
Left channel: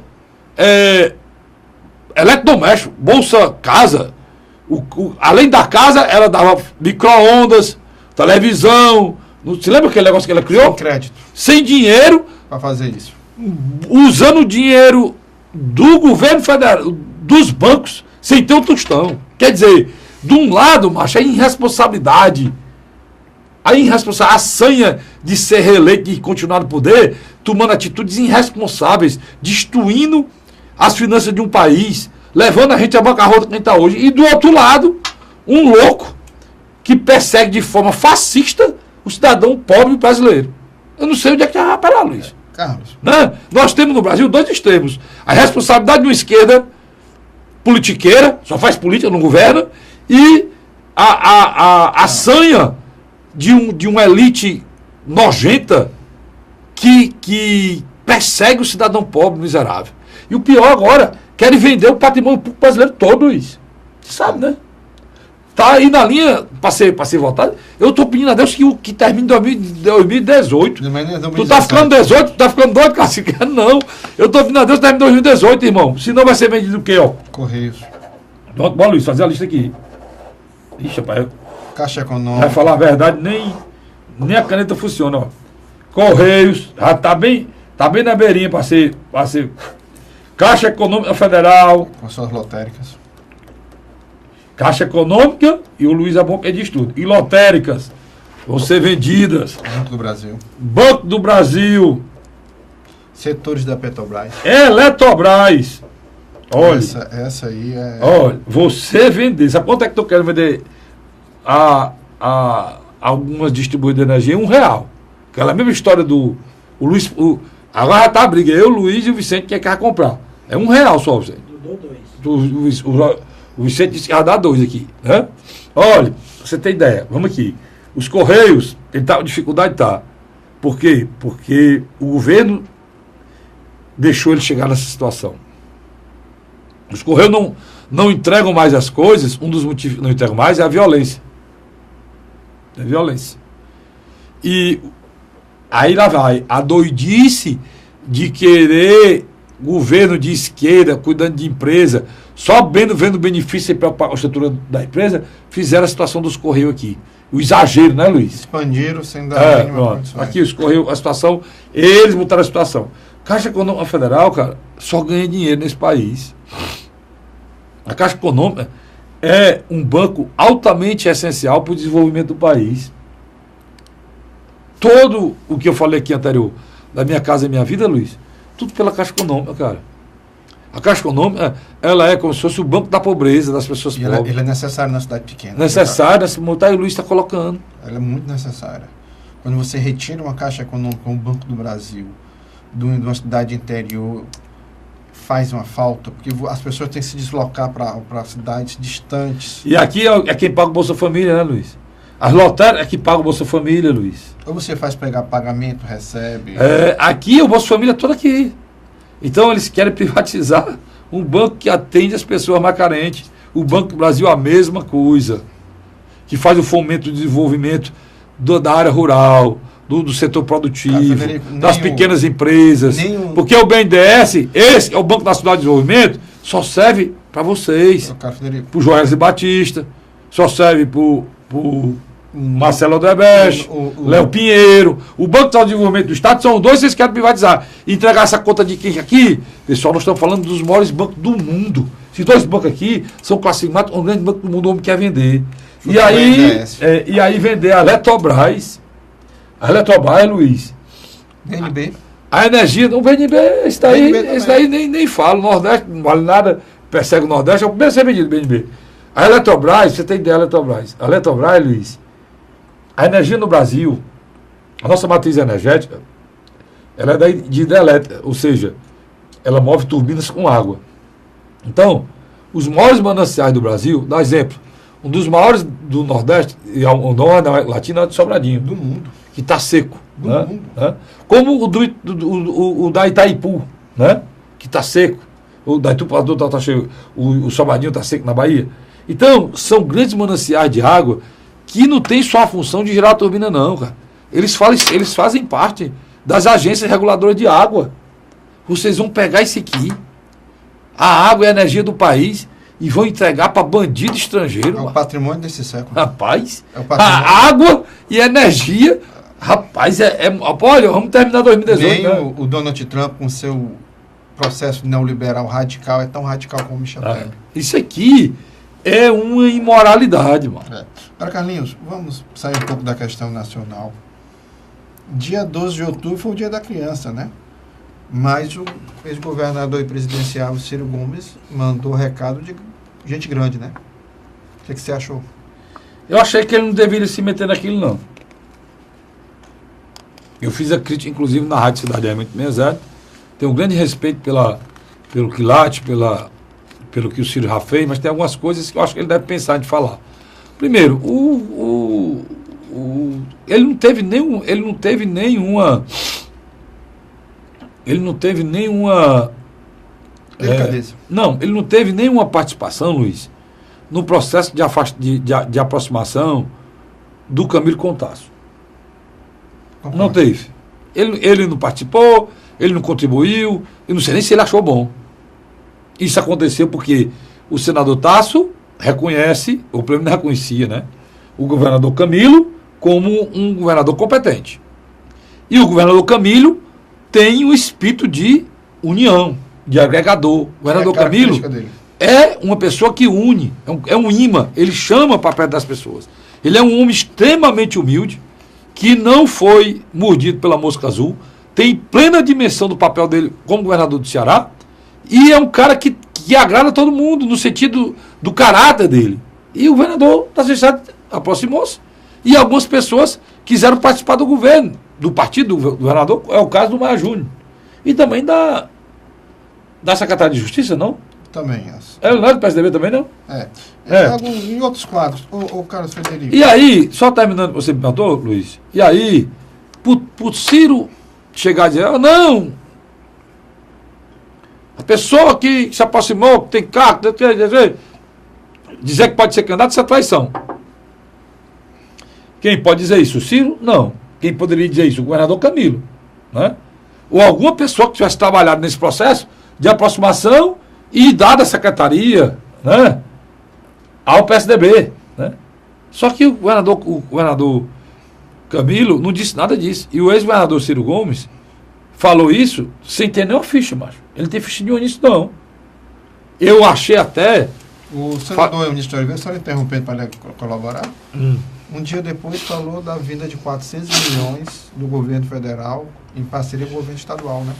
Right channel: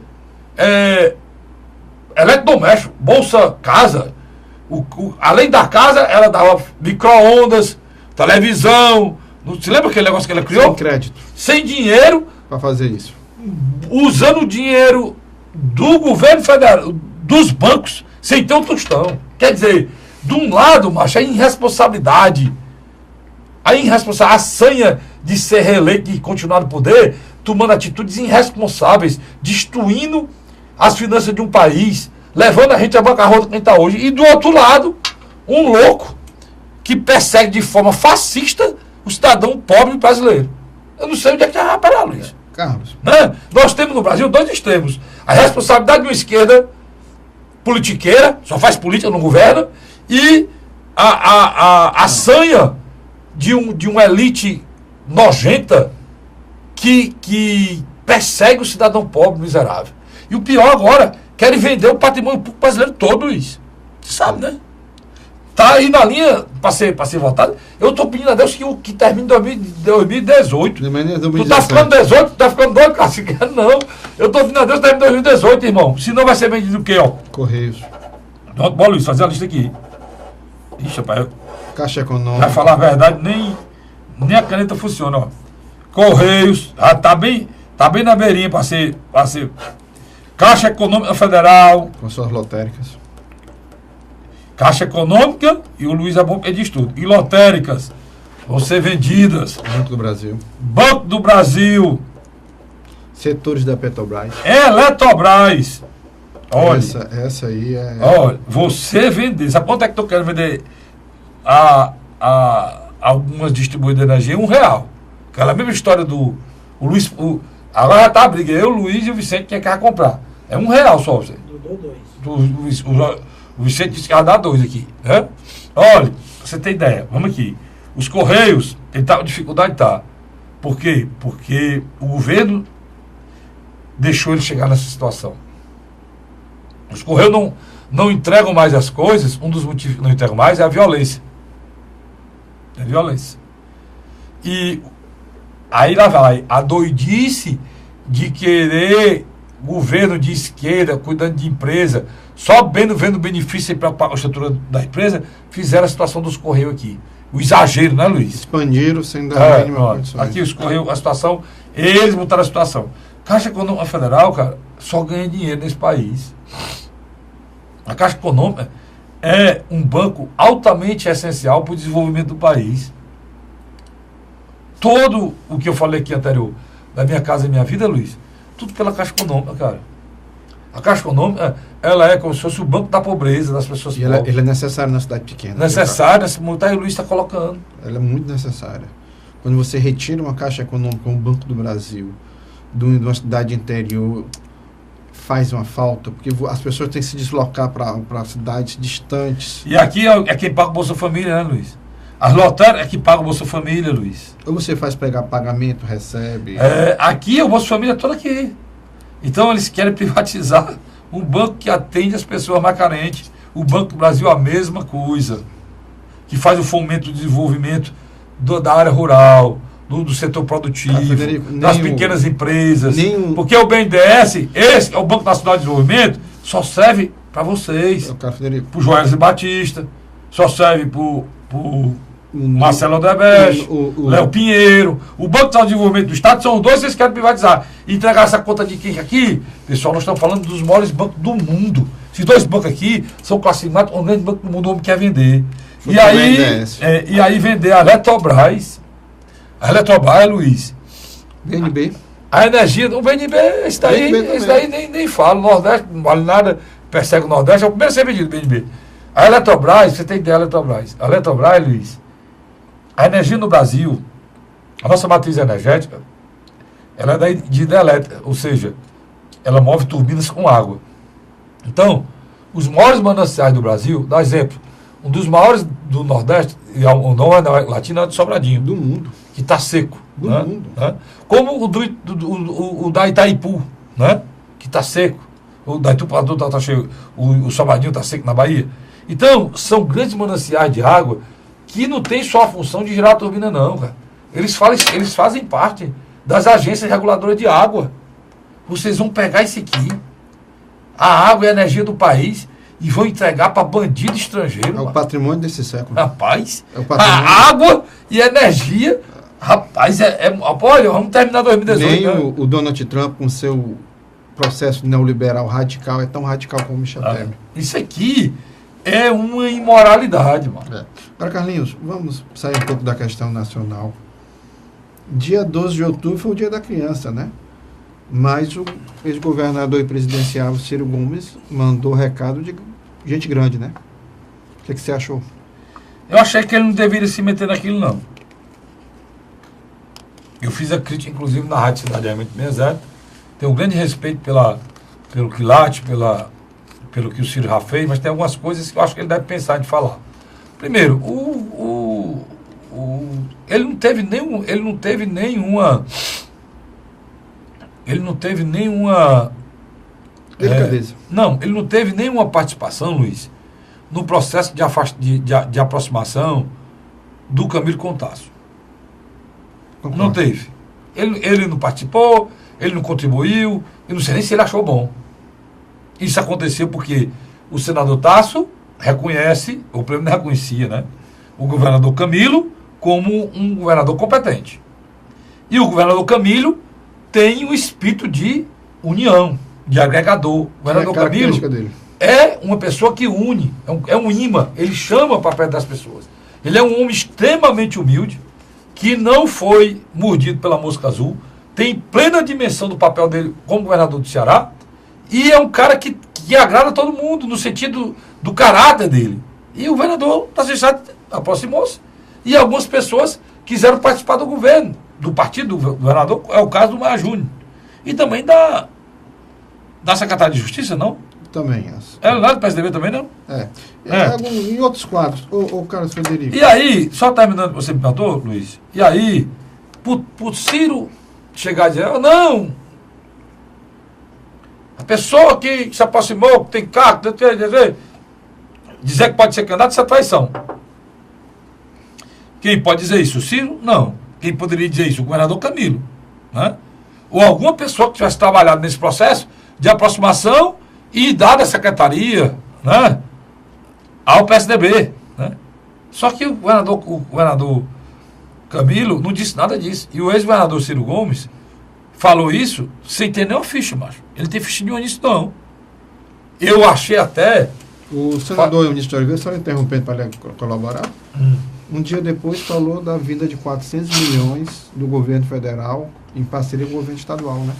eletrodoméstico, Bolsa Casa. Além da casa, ela dava micro-ondas, televisão. Você lembra aquele negócio que ela criou? Sem crédito. Sem dinheiro. Para fazer isso. Usando o dinheiro do governo federal, dos bancos, sem ter um tostão. Quer dizer, de um lado, macho, a irresponsabilidade, a sanha de ser reeleito e continuar no poder, tomando atitudes irresponsáveis, destruindo as finanças de um país, levando a gente à bancarrota que a gente está hoje. E do outro lado, um louco que persegue de forma fascista o cidadão pobre brasileiro. Eu não sei onde é que vai parar, Luiz. Carlos. Né? Nós temos no Brasil dois extremos. A responsabilidade de uma esquerda politiqueira, só faz política, não governa, e a sanha de uma elite nojenta que persegue o cidadão pobre miserável. E o pior agora, querem vender o patrimônio público brasileiro todo, Luiz. Você sabe, né? Tá aí na linha para ser votado. Eu estou pedindo a Deus que termine em 2018. Tu tá ficando 18, tu tá ficando doido, Cacique? Não. Eu estou pedindo a Deus que termine em 2018, irmão. Senão vai ser vendido o quê, ó? Correios. Bora, Luiz, fazer a lista aqui. Ixi, rapaz. Caixa Econômica. Vai falar a verdade, nem a caneta funciona, ó. Correios, tá bem na beirinha para ser. Caixa Econômica Federal. Com suas lotéricas. Caixa Econômica, e o Luiz é bom que diz tudo. E lotéricas vão ser vendidas. Banco do Brasil. Banco do Brasil. Setores da Petrobras. Eletrobras. Olha. Essa aí é. Olha, você vender. Sabe quanto é que eu quero vender a algumas distribuidoras de energia? R$1. Aquela mesma história do Luiz. Agora já tá a briga. Eu, o Luiz e o Vicente que quer comprar. É R$1 só, você. O Vicente disse que ia dar 2 aqui, né? Olha, você tem ideia, vamos aqui. Os Correios, ele tá com dificuldade, tá. Por quê? Porque o governo deixou ele chegar nessa situação. Os Correios não entregam mais as coisas, um dos motivos que não entregam mais é a violência. É a violência. E aí lá vai, a doidice de querer governo de esquerda, cuidando de empresa, só vendo benefício para a estrutura da empresa, fizeram a situação dos Correios aqui. O exagero, né, Luiz? Expandiram sem dar nenhuma condição. Aqui os Correios, a situação, eles montaram a situação. Caixa Econômica Federal, cara, só ganha dinheiro nesse país. A Caixa Econômica é um banco altamente essencial para o desenvolvimento do país. Todo o que eu falei aqui anterior, da Minha Casa Minha Vida, Luiz, tudo pela Caixa Econômica, cara. A Caixa Econômica, ela é como se fosse o banco da pobreza das pessoas pobres. Ela é necessária na cidade pequena. Necessária, essa multa aí o Luiz está colocando. Ela é muito necessária. Quando você retira uma Caixa Econômica, um Banco do Brasil, de uma cidade interior, faz uma falta, porque as pessoas têm que se deslocar para cidades distantes. E aqui é quem paga o Bolsa Família, né, Luiz? As lotéricas é que paga o Bolsa Família, Luiz. Ou você faz pegar pagamento, recebe. Aqui o Bolsa Família é todo aqui. Então eles querem privatizar um banco que atende as pessoas mais carentes. O Banco do Brasil é a mesma coisa. Que faz o fomento do desenvolvimento da área rural, do setor produtivo, das pequenas empresas. Porque o BNDES, esse é o Banco Nacional de Desenvolvimento, só serve para vocês. Para o Joesley Batista, só serve para o Marcelo Odebrecht, Léo Pinheiro. O Banco de Desenvolvimento do Estado são os dois que vocês querem privatizar. Entregar essa conta de quem aqui? Pessoal, nós estamos falando dos maiores bancos do mundo. Esses dois bancos aqui são classificados como o grande banco do mundo, o homem quer vender. E aí vender a Eletrobras. A Eletrobras, Luiz. BNB. A energia do BNB, esse daí nem fala. O Nordeste não vale nada, persegue o Nordeste, é o primeiro a ser vendido, BNB. A Eletrobras, você tem ideia da Eletrobras. A Eletrobras, Luiz, a energia no Brasil, a nossa matriz energética, ela é de hidrelétrica, ou seja, ela move turbinas com água. Então, os maiores mananciais do Brasil, dá exemplo, um dos maiores do Nordeste, e o Norte da América Latina, é de Sobradinho. Do mundo. Que está seco. Do né? mundo. Né? Como o da Itaipu, né? Que está seco. O da Itaipu está cheio. O Sobradinho está seco na Bahia. Então, são grandes mananciais de água que não tem só a função de girar a turbina, não, cara. Eles fazem parte das agências reguladoras de água. Vocês vão pegar isso aqui, a água e a energia do país, e vão entregar para bandido estrangeiro. É o patrimônio desse século. Rapaz, é o patrimônio. A água e a energia, rapaz, olha, vamos terminar 2018. Nem né? o Donald Trump, com seu processo neoliberal radical, é tão radical como Michel Temer. Isso aqui é uma imoralidade, mano. Agora, Carlinhos, vamos sair um pouco da questão nacional. Dia 12 de outubro foi o dia da criança, né? Mas o ex-governador e presidencial Ciro Gomes mandou recado de gente grande, né? O que você achou? Eu achei que ele não deveria se meter naquilo, não. Eu fiz a crítica, inclusive, na Rádio Cidade AM, tenho um grande respeito pelo quilate, pelo que o Ciro já fez, mas tem algumas coisas que eu acho que ele deve pensar de falar. Primeiro, ele não teve nenhuma delicadeza. Ele não teve nenhuma participação, Luiz, no processo de aproximação do Camilo com o Tasso. Não teve. Ele não participou, ele não contribuiu, eu não sei nem se ele achou bom. Isso aconteceu porque o senador Tasso reconhece, ou pelo menos reconhecia, né, o governador Camilo como um governador competente. E o governador Camilo tem um espírito de união, de agregador. O governador Camilo é uma pessoa que une, é um imã, ele chama para perto das pessoas. Ele é um homem extremamente humilde, que não foi mordido pela mosca azul, tem plena dimensão do papel dele como governador do Ceará, e é um cara que agrada todo mundo, no sentido do caráter dele. E o governador da cidade aproximou-se, e algumas pessoas quiseram participar do governo, do partido do governador, é o caso do Maia Júnior. E também da Secretaria de Justiça, não? Também. Não é do PSDB também, não? Em outros quadros, o Carlos Frederico. E aí, só terminando, você me perguntou, Luiz, e aí, por Ciro chegar e dizer, não, a pessoa que se aproximou, que tem cargo, dizer que pode ser candidato, isso é traição. Quem pode dizer isso? O Ciro? Não. Quem poderia dizer isso? O governador Camilo. Né? Ou alguma pessoa que tivesse trabalhado nesse processo de aproximação e dado a secretaria, né, ao PSDB. Né? Só que o governador Camilo não disse nada disso. E o ex-governador Ciro Gomes falou isso sem ter nenhuma ficha, macho. Ele não tem ficha nenhuma nisso, não. Eu achei até... O senador Eunício de Oliveira, só interrompendo para colaborar, um dia depois falou da vinda de 400 milhões do governo federal em parceria com o governo estadual, né?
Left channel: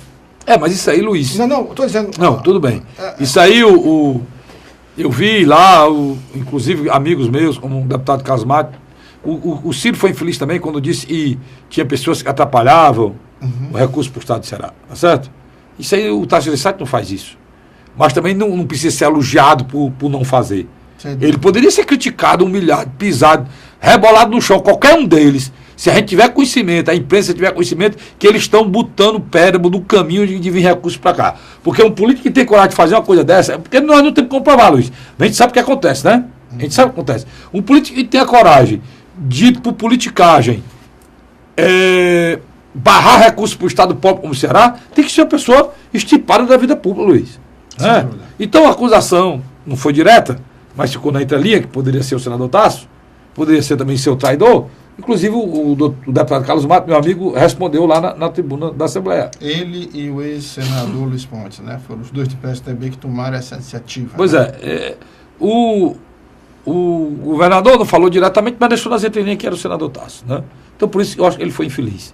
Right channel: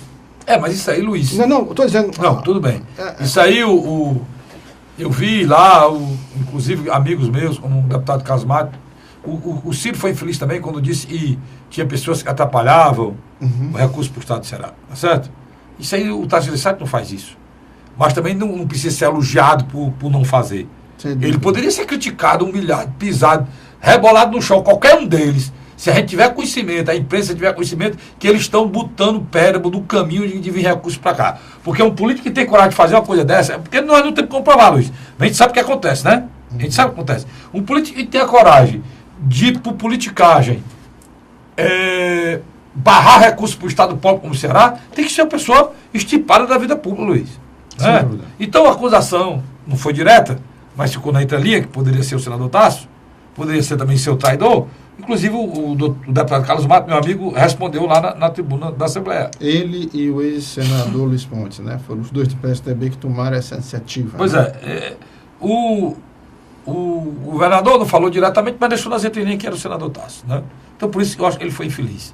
Mas isso aí, Luiz... Não, estou dizendo... Não, tudo bem. Isso aí, eu vi lá, inclusive amigos meus, como o deputado Carlos Mato, o Ciro foi infeliz também quando disse que tinha pessoas que atrapalhavam o recurso para o Estado do Ceará, tá certo? Isso aí, o Tasso Gereissati não faz isso. Mas também não precisa ser elogiado por não fazer. Ele poderia ser criticado, humilhado, pisado, rebolado no chão, qualquer um deles. Se a gente tiver conhecimento, a imprensa tiver conhecimento, que eles estão botando péramo no caminho de vir recursos para cá. Porque um político que tem coragem de fazer uma coisa dessa, é porque nós não temos que comprovar, Luiz. A gente sabe o que acontece, né? A gente sabe o que acontece. Um político que tem a coragem de ir por politicagem, barrar recursos para o Estado pobre como o Ceará, tem que ser uma pessoa estipada da vida pública, Luiz. Né? Então a acusação não foi direta, mas ficou na entrelinha, que poderia ser o senador Tasso, poderia ser também seu traidor. Inclusive o deputado Carlos Mato, meu amigo, respondeu lá na tribuna da Assembleia. Ele e o ex-senador Luiz Pontes, né? Foram os dois do PSDB que tomaram essa iniciativa. Pois né? O o governador não falou diretamente, mas deixou nas entrelinhas que era o senador Tasso, né? Então, por isso, eu acho que ele foi infeliz.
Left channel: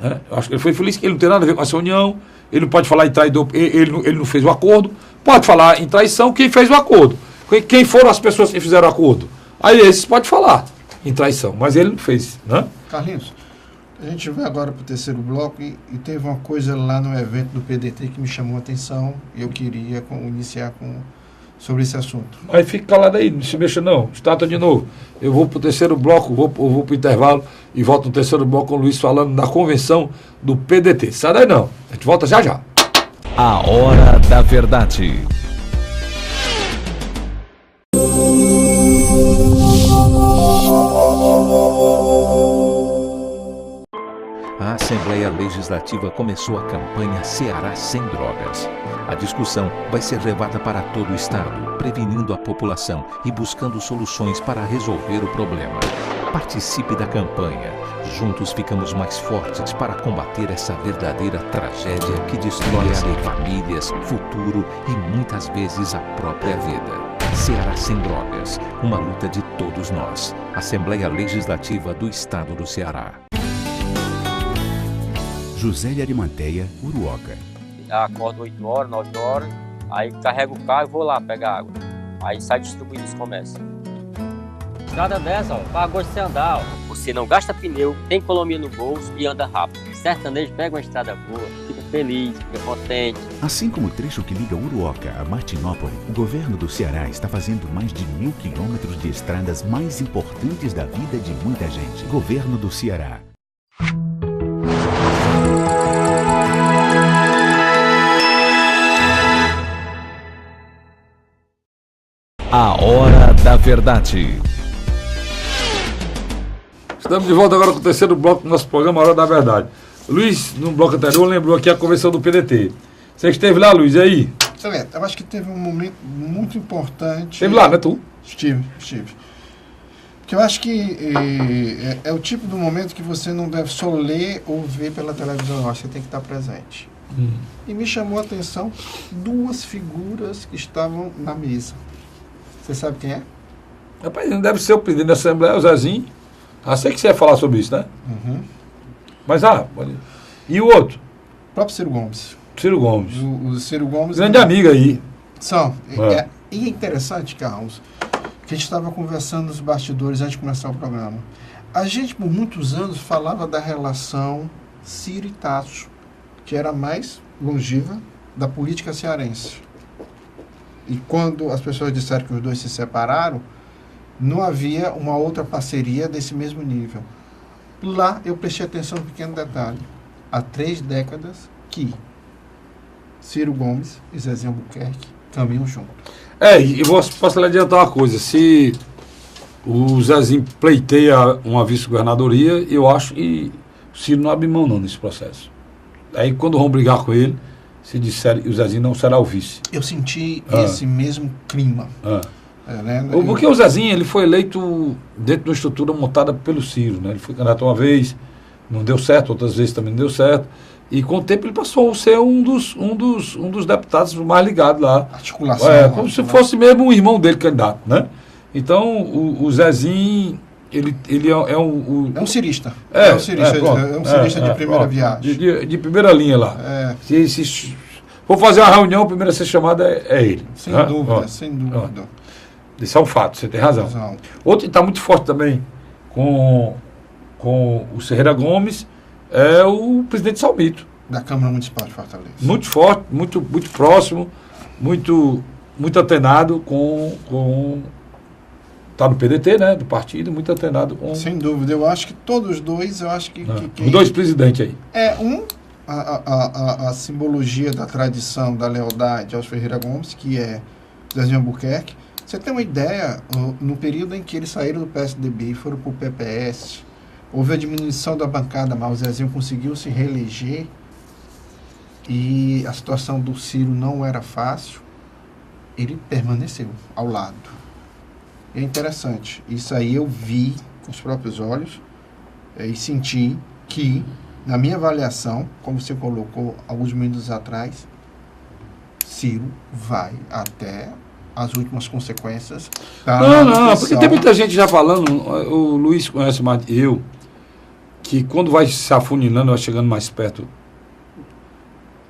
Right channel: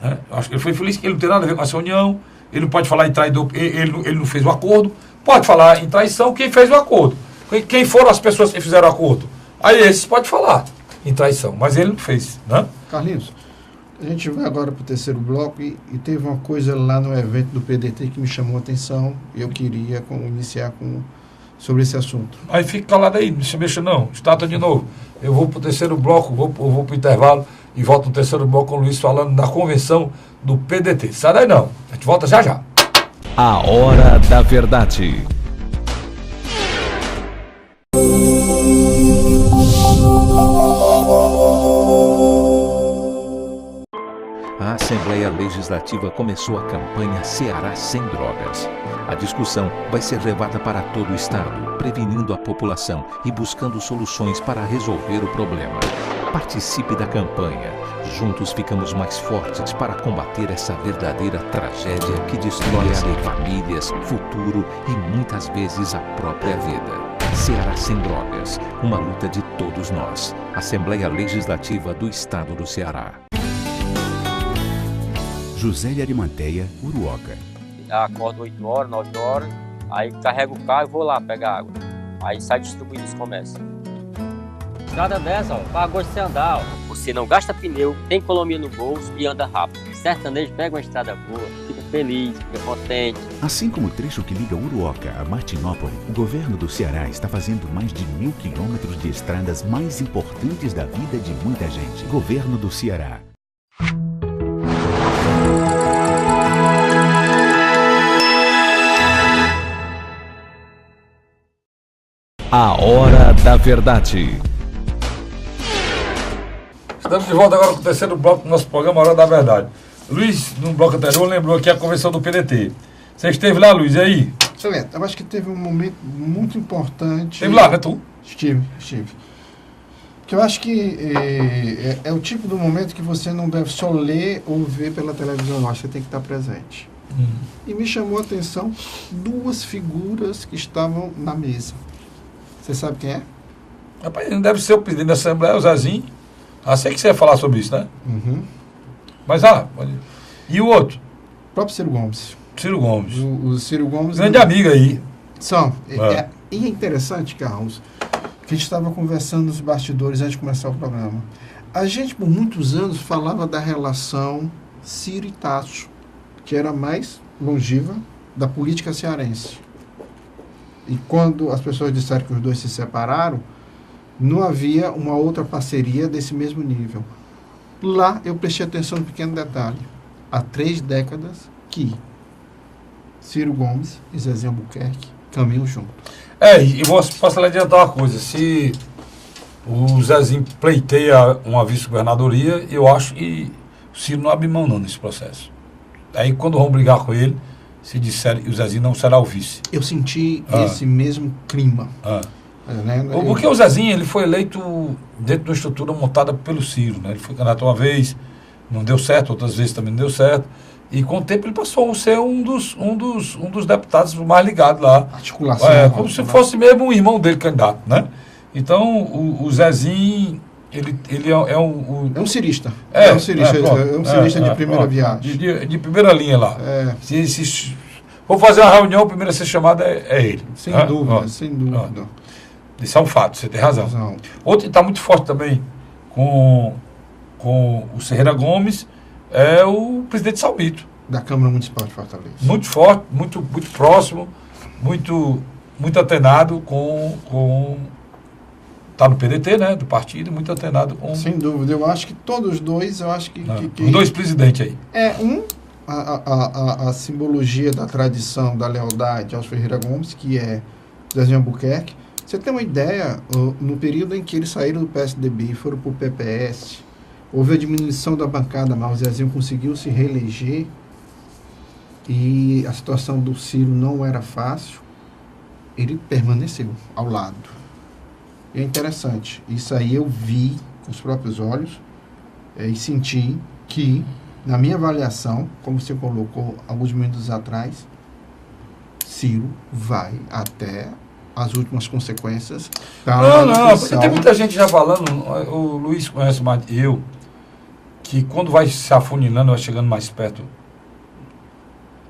Né? Eu acho que ele foi infeliz, ele não tem nada a ver com essa união, ele não pode falar em traidor, ele não fez o acordo, pode falar em traição quem fez o acordo. Quem foram as pessoas que fizeram o acordo? Aí esses pode falar em traição, mas ele não fez, né? Carlinhos, a gente vai agora para o terceiro bloco e teve uma coisa lá no evento do PDT que me chamou a atenção e eu queria iniciar sobre esse assunto. Aí fica calado aí, não se mexa não, starta de novo. Eu vou para o terceiro bloco, vou para o intervalo e volto no terceiro bloco com o Luiz falando da convenção do PDT. Sai daí não, a gente volta já já. A Hora da Verdade. A Assembleia Legislativa começou a campanha Ceará Sem Drogas. A discussão vai ser levada para todo o estado, prevenindo a população e buscando soluções para resolver o problema. Participe da campanha. Juntos ficamos mais fortes para combater essa verdadeira tragédia que destrói famílias, futuro e muitas vezes a própria vida. Ceará Sem Drogas, uma luta de todos nós. Assembleia Legislativa do Estado do Ceará. José de Arimanteia, Uruoca. Acordo 8 horas, 9 horas, aí carrego o carro e vou lá pegar água. Aí sai distribuindo os comércios. Estrada dessa, ó, pagou de andar, ó. Você não gasta pneu, tem economia no bolso e anda rápido. Sertanejo pega uma estrada boa, fica feliz, fica contente. Assim como o trecho que liga Uruoca a Martinópole, o governo do Ceará está fazendo mais de 1.000 quilômetros de estradas mais importantes da vida de muita gente. Governo do Ceará. A Hora da Verdade. Estamos de volta agora com o terceiro bloco do nosso programa, A Hora da Verdade. Luiz, no bloco anterior, lembrou aqui a convenção do PDT. Você esteve lá, Luiz, e aí? Excelente. Eu acho que teve um momento muito importante. Esteve lá, né, tu? Estive. Porque eu acho que é o tipo do momento que você não deve só ler ou ver pela televisão, eu acho que você tem que estar presente. E me chamou a atenção duas figuras que estavam na mesa. Você sabe quem é? Rapaz, não deve ser o presidente da Assembleia, o Zezinho. Sei que você ia falar sobre isso, né? Uhum. Mas, e o outro? O próprio Ciro Gomes. Ciro Gomes. O Ciro Gomes... Grande amigo aí. São. E é interessante, Carlos, que a gente estava conversando nos bastidores antes de começar o programa. A gente, por muitos anos, falava da relação Ciro e Tasso, que era a mais longeva da política cearense. E quando as pessoas disseram que os dois se separaram, não havia uma outra parceria desse mesmo nível. Lá eu prestei atenção em um pequeno detalhe. Há 3 décadas que Ciro Gomes e Zezinho Albuquerque caminham juntos. E posso lhe adiantar uma coisa. Se o Zezinho pleiteia uma vice-governadoria, eu acho que o Ciro não abre mão não nesse processo. Aí quando vão brigar com ele, se disser o Zezinho não será o vice. Eu senti esse mesmo clima. Porque o Zezinho ele foi eleito dentro de uma estrutura montada pelo Ciro. Né? Ele foi candidato uma vez, não deu certo, outras vezes também não deu certo. E com o tempo ele passou a ser um dos deputados mais ligados lá. Articulação. Como se fosse mesmo um irmão dele candidato. Né? Então o Zezinho... Ele é um cirista. É um cirista de primeira viagem. De primeira linha lá. Se for fazer uma reunião, o primeiro a ser chamado é ele. Sem dúvida. Isso é um fato, você tem razão. Outro que está muito forte também com o Ferreira Gomes é o presidente Salmito. Da Câmara Municipal de Fortaleza. Muito forte, muito próximo, muito antenado com está no PDT, né, do partido, muito antenado com... Sem dúvida, eu acho que todos os dois, os dois presidentes aí. A simbologia da tradição, da lealdade aos Ferreira Gomes, que é Zezinho Albuquerque. Você tem uma ideia, no período em que eles saíram do PSDB e foram para o PPS, houve a diminuição da bancada, mas o Zezinho conseguiu se reeleger e a situação do Ciro não era fácil, ele permaneceu ao lado. É interessante. Isso aí eu vi com os próprios olhos e senti que, na minha avaliação, como você colocou alguns minutos atrás, Ciro vai até as últimas consequências. Não, porque tem muita gente já falando, o Luiz conhece mais eu, que quando vai se afunilando, vai chegando mais perto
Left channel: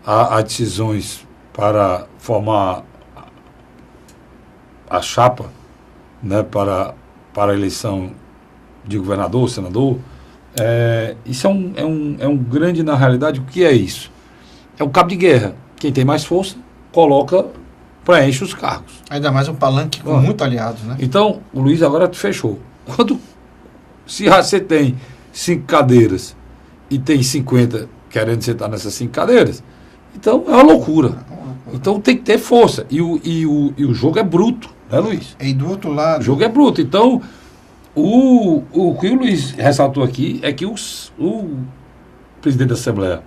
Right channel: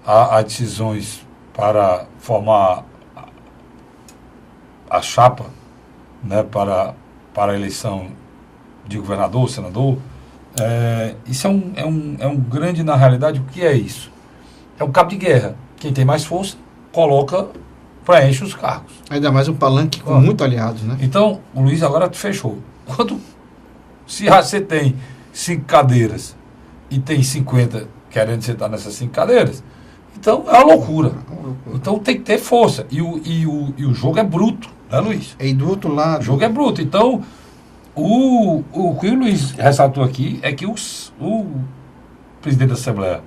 a decisões para formar a chapa, né, para a eleição de governador, senador, isso é um grande, na realidade, o que é isso? É um cabo de guerra. Quem tem mais força, preenche os cargos. Ainda mais um palanque com muito aliados, né? Então, o Luiz agora fechou. Se você tem 5 cadeiras e tem 50 querendo sentar nessas 5 cadeiras, então é uma loucura. Então tem que ter força. E o jogo é bruto, né, Luiz? E do outro lado... O jogo é bruto. Então, o que o Luiz ressaltou aqui é que o presidente da Assembleia,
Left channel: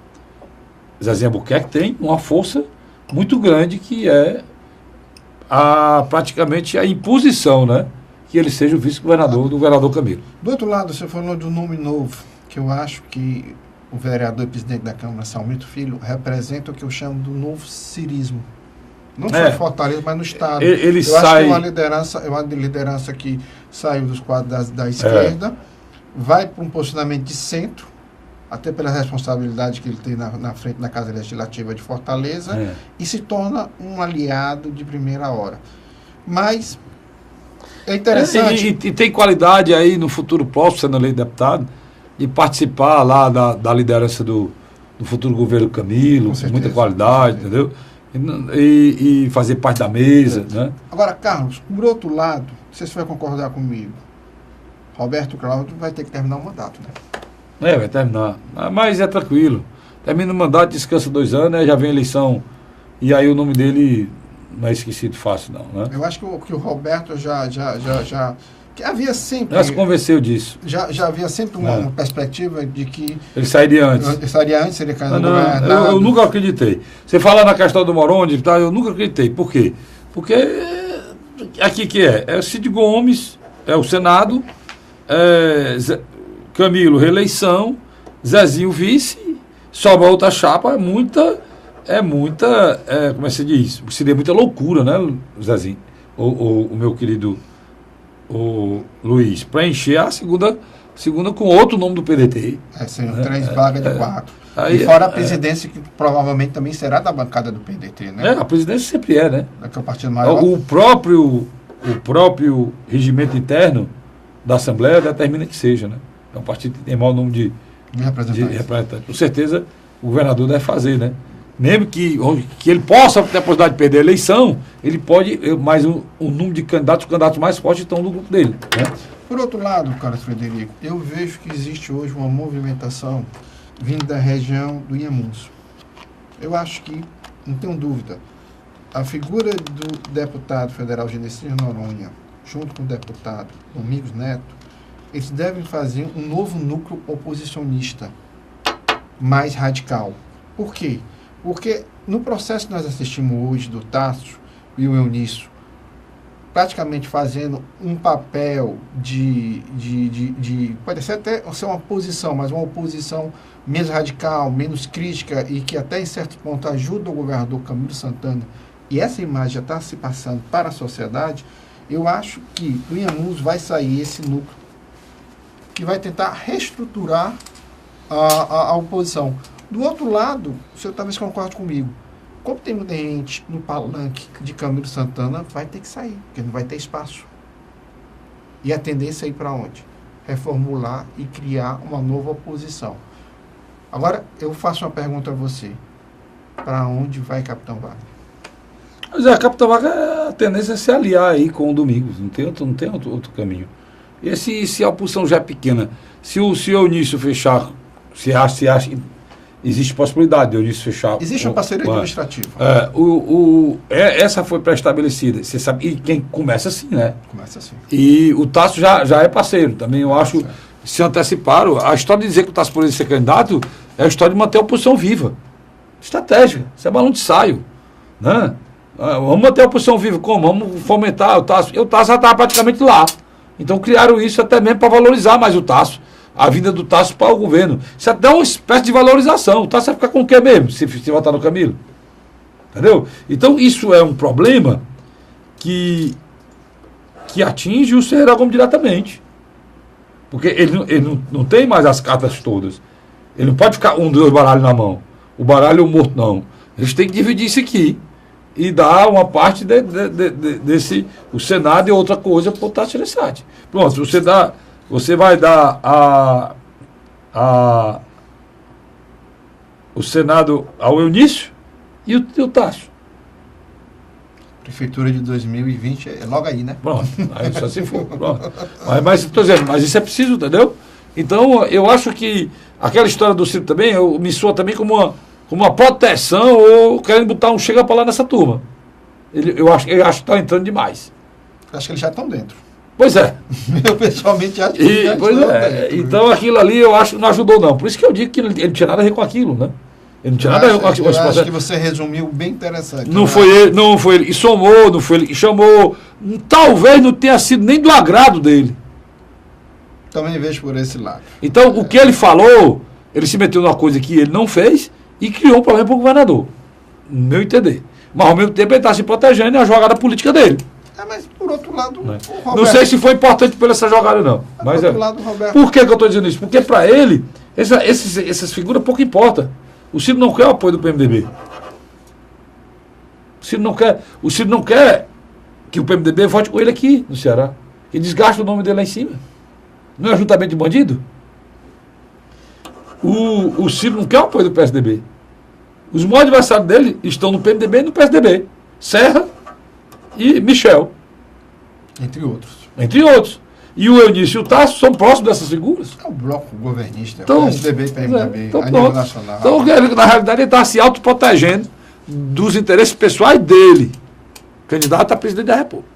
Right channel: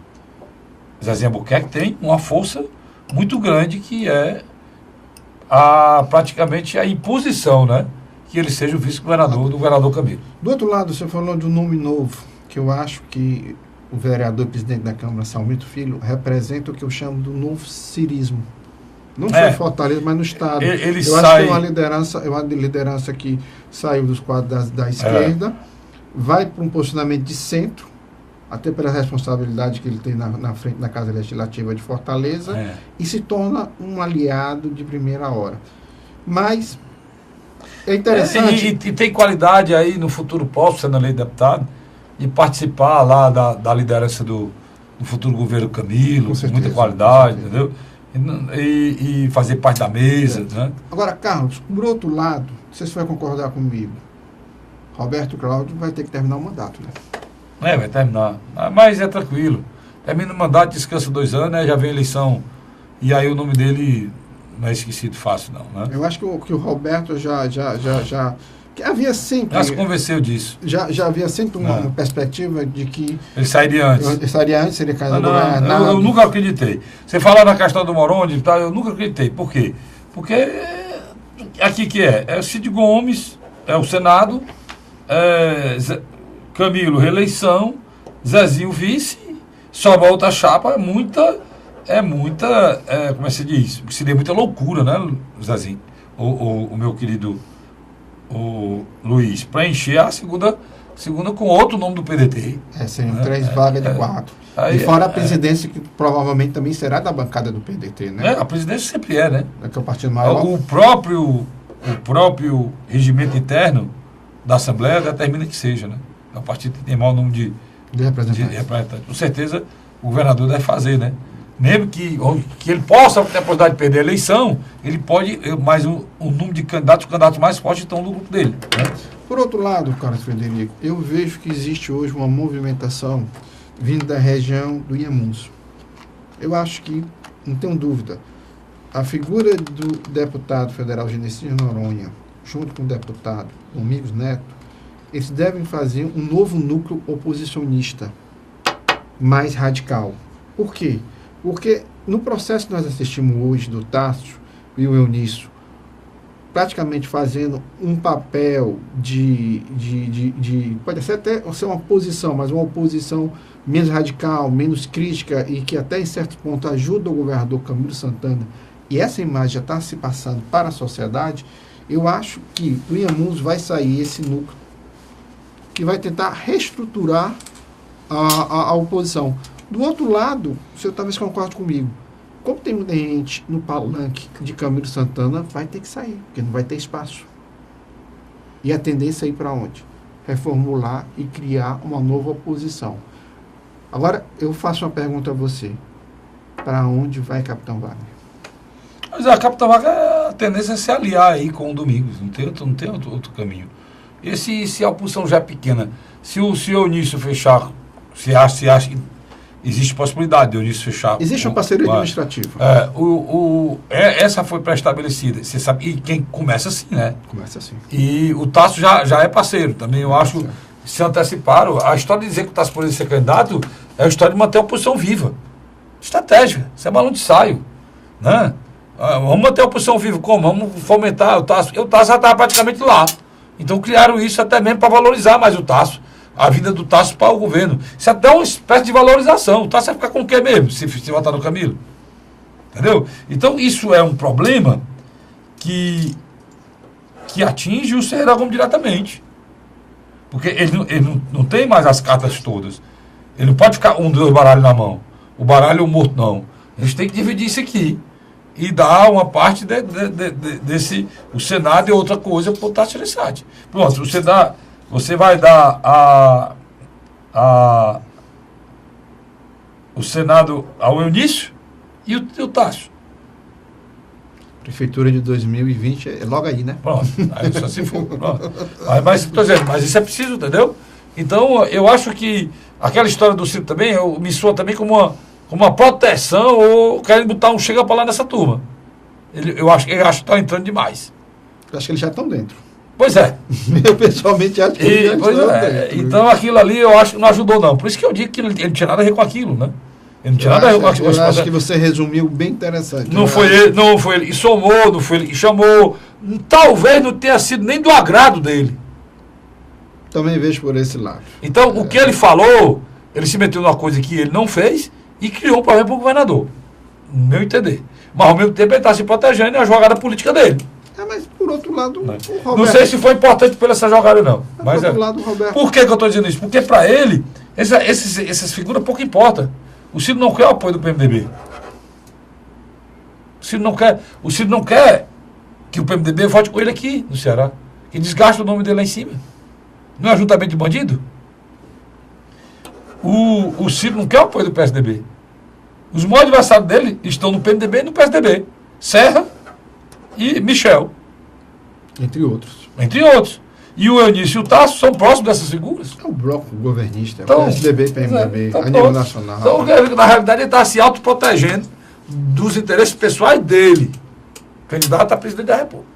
Zezinho Albuquerque, tem uma força muito grande, que é praticamente a imposição, né? Que ele seja o vice-governador do governador Camilo. Do outro lado, você falou de um nome novo, que eu acho que o vereador e presidente da Câmara, Salmito Filho, representa o que eu chamo do novo cirismo. Não só em Fortaleza, mas no Estado. Ele eu acho que é uma liderança que saiu dos quadros da esquerda, vai para um posicionamento de centro, até pela responsabilidade que ele tem na frente da Casa Legislativa de Fortaleza, e se torna um aliado de primeira hora. Mas é interessante... E tem qualidade aí no futuro próximo, sendo eleito deputado, e participar lá da liderança do futuro governo Camilo, com muita qualidade, entendeu? E fazer parte da mesa, né? Agora, Carlos, por outro lado, não sei se você vai concordar comigo, Roberto Cláudio vai ter que terminar o mandato, né? Vai terminar. Mas é tranquilo. Termina o mandato, descansa 2 anos, né? Já vem a eleição, e aí o nome dele não é esquecido fácil, não, né? Eu acho que o Roberto já que havia sempre... Já se convenceu disso. Já havia sempre uma perspectiva de que... Ele sairia antes. Seria candidato ao governador. Eu nunca acreditei. Você fala na questão do Moroni, tá? Eu nunca acreditei. Por quê? Porque aqui que é Cid Gomes, é o Senado, Camilo, reeleição, Zezinho, vice, sobra outra chapa, como se diz? Seria muita loucura, né, Zezinho? O meu querido Luiz, para encher a segunda com outro nome do PDT. Seriam 3 vagas de 4. E fora a presidência, que provavelmente também será da bancada do PDT, né? A presidência sempre né? Que é o partido maior. O próprio regimento interno da Assembleia determina que seja, né? É o partido que tem maior número de representantes. Com certeza, o governador deve fazer, né? Mesmo que ele possa ter a possibilidade de perder a eleição, ele pode, mas o número de candidatos, os candidatos mais fortes estão no grupo dele. Né? Por outro lado, Carlos Frederico, eu vejo que existe hoje uma movimentação vindo da região do Inhamuns. Eu acho que, não tenho dúvida, a figura do deputado federal Genesino Noronha, junto com o deputado Domingos Neto, eles devem fazer um novo núcleo oposicionista mais radical. Por quê? Porque no processo que nós assistimos hoje do Tasso e o Eunício praticamente fazendo um papel pode ser até ser uma oposição, mas uma oposição menos radical, menos crítica e que até em certos pontos ajuda o governador Camilo Santana, e essa imagem já está se passando para a sociedade, eu acho que o Inhamuns vai sair esse núcleo que vai tentar reestruturar a oposição. Do outro lado, o senhor talvez concorde comigo, como tem muita gente no palanque de Camilo Santana, vai ter que sair, porque não vai ter espaço. E a tendência é ir para onde? Reformular e criar uma nova oposição. Agora, eu faço uma pergunta a você. Para onde vai Capitão Wagner? Mas a Capitão Wagner, a tendência é se aliar aí com o Domingos, não tem outro caminho. E se a oposição já é pequena, se o Eunício fechar, se acha que existe possibilidade de Eunício fechar... Existe uma parceria administrativa. Essa foi pré-estabelecida, você sabe, e quem começa assim, né? Começa assim. E o Tasso já é parceiro, também eu acho, se anteciparam. A história de dizer que o Tasso poderia ser candidato é a história de manter a oposição viva. Estratégica, isso é balão de ensaio, né? Vamos manter a oposição viva, como? Vamos fomentar o Tasso. E o Tasso já estava praticamente lá. Então criaram isso até mesmo para valorizar mais o Tasso. A vida do Tasso para o governo. Isso é até uma espécie de valorização. O Tasso vai ficar com o quê mesmo, se votar no Camilo? Entendeu? Então isso é um problema que atinge o Ferreira Gomes diretamente. Porque ele não tem mais as cartas todas. Ele não pode ficar dois baralhos na mão. O baralho e o morto, não. A gente tem que dividir isso aqui e dar uma parte desse, o Senado e outra coisa para o Tasso Gereissati. Pronto, você vai dar o Senado ao Eunício e o Tasso. Prefeitura de 2020 é logo aí, né? Pronto, aí só se for. Mas isso é preciso, entendeu? Então, eu acho que aquela história do Ciro também, me soa também como uma proteção ou querendo botar um chega para lá nessa turma. Eu acho que está entrando demais. Eu acho que eles já estão dentro. Pois é. Eu pessoalmente acho que eles já estão dentro. Então, aquilo ali eu acho que não ajudou, não. Por isso que eu digo que ele não tinha nada a ver com aquilo, né? Ele não tinha nada a ver com aquilo. Eu acho que você resumiu bem interessante. Não foi ele que somou, não foi ele que chamou. Talvez não tenha sido nem do agrado dele. Também vejo por esse lado. Então, o que ele falou, ele se meteu numa coisa que ele não fez e criou um problema para o governador. No meu entender. Mas ao mesmo tempo ele está se protegendo na jogada política dele. Mas por outro lado, o Roberto... Não sei se foi importante por essa jogada, não. Mas por outro lado, Roberto... Por que eu estou dizendo isso? Porque para ele, essas figuras pouco importam. O Ciro não quer o apoio do PMDB. O Ciro não quer que o PMDB vote com ele aqui no Ceará. E desgasta o nome dele lá em cima. Não é ajuntamento de bandido? O Ciro não quer o apoio do PSDB. Os maiores adversários dele estão no PMDB e no PSDB. Serra e Michel. Entre outros. Entre outros. E o Eunício e o Tasso são próximos dessas figuras. É o bloco governista, então, PSDB e PMDB, a nível nacional. Então, na realidade, ele está se autoprotegendo dos interesses pessoais dele. Candidato a presidente da República.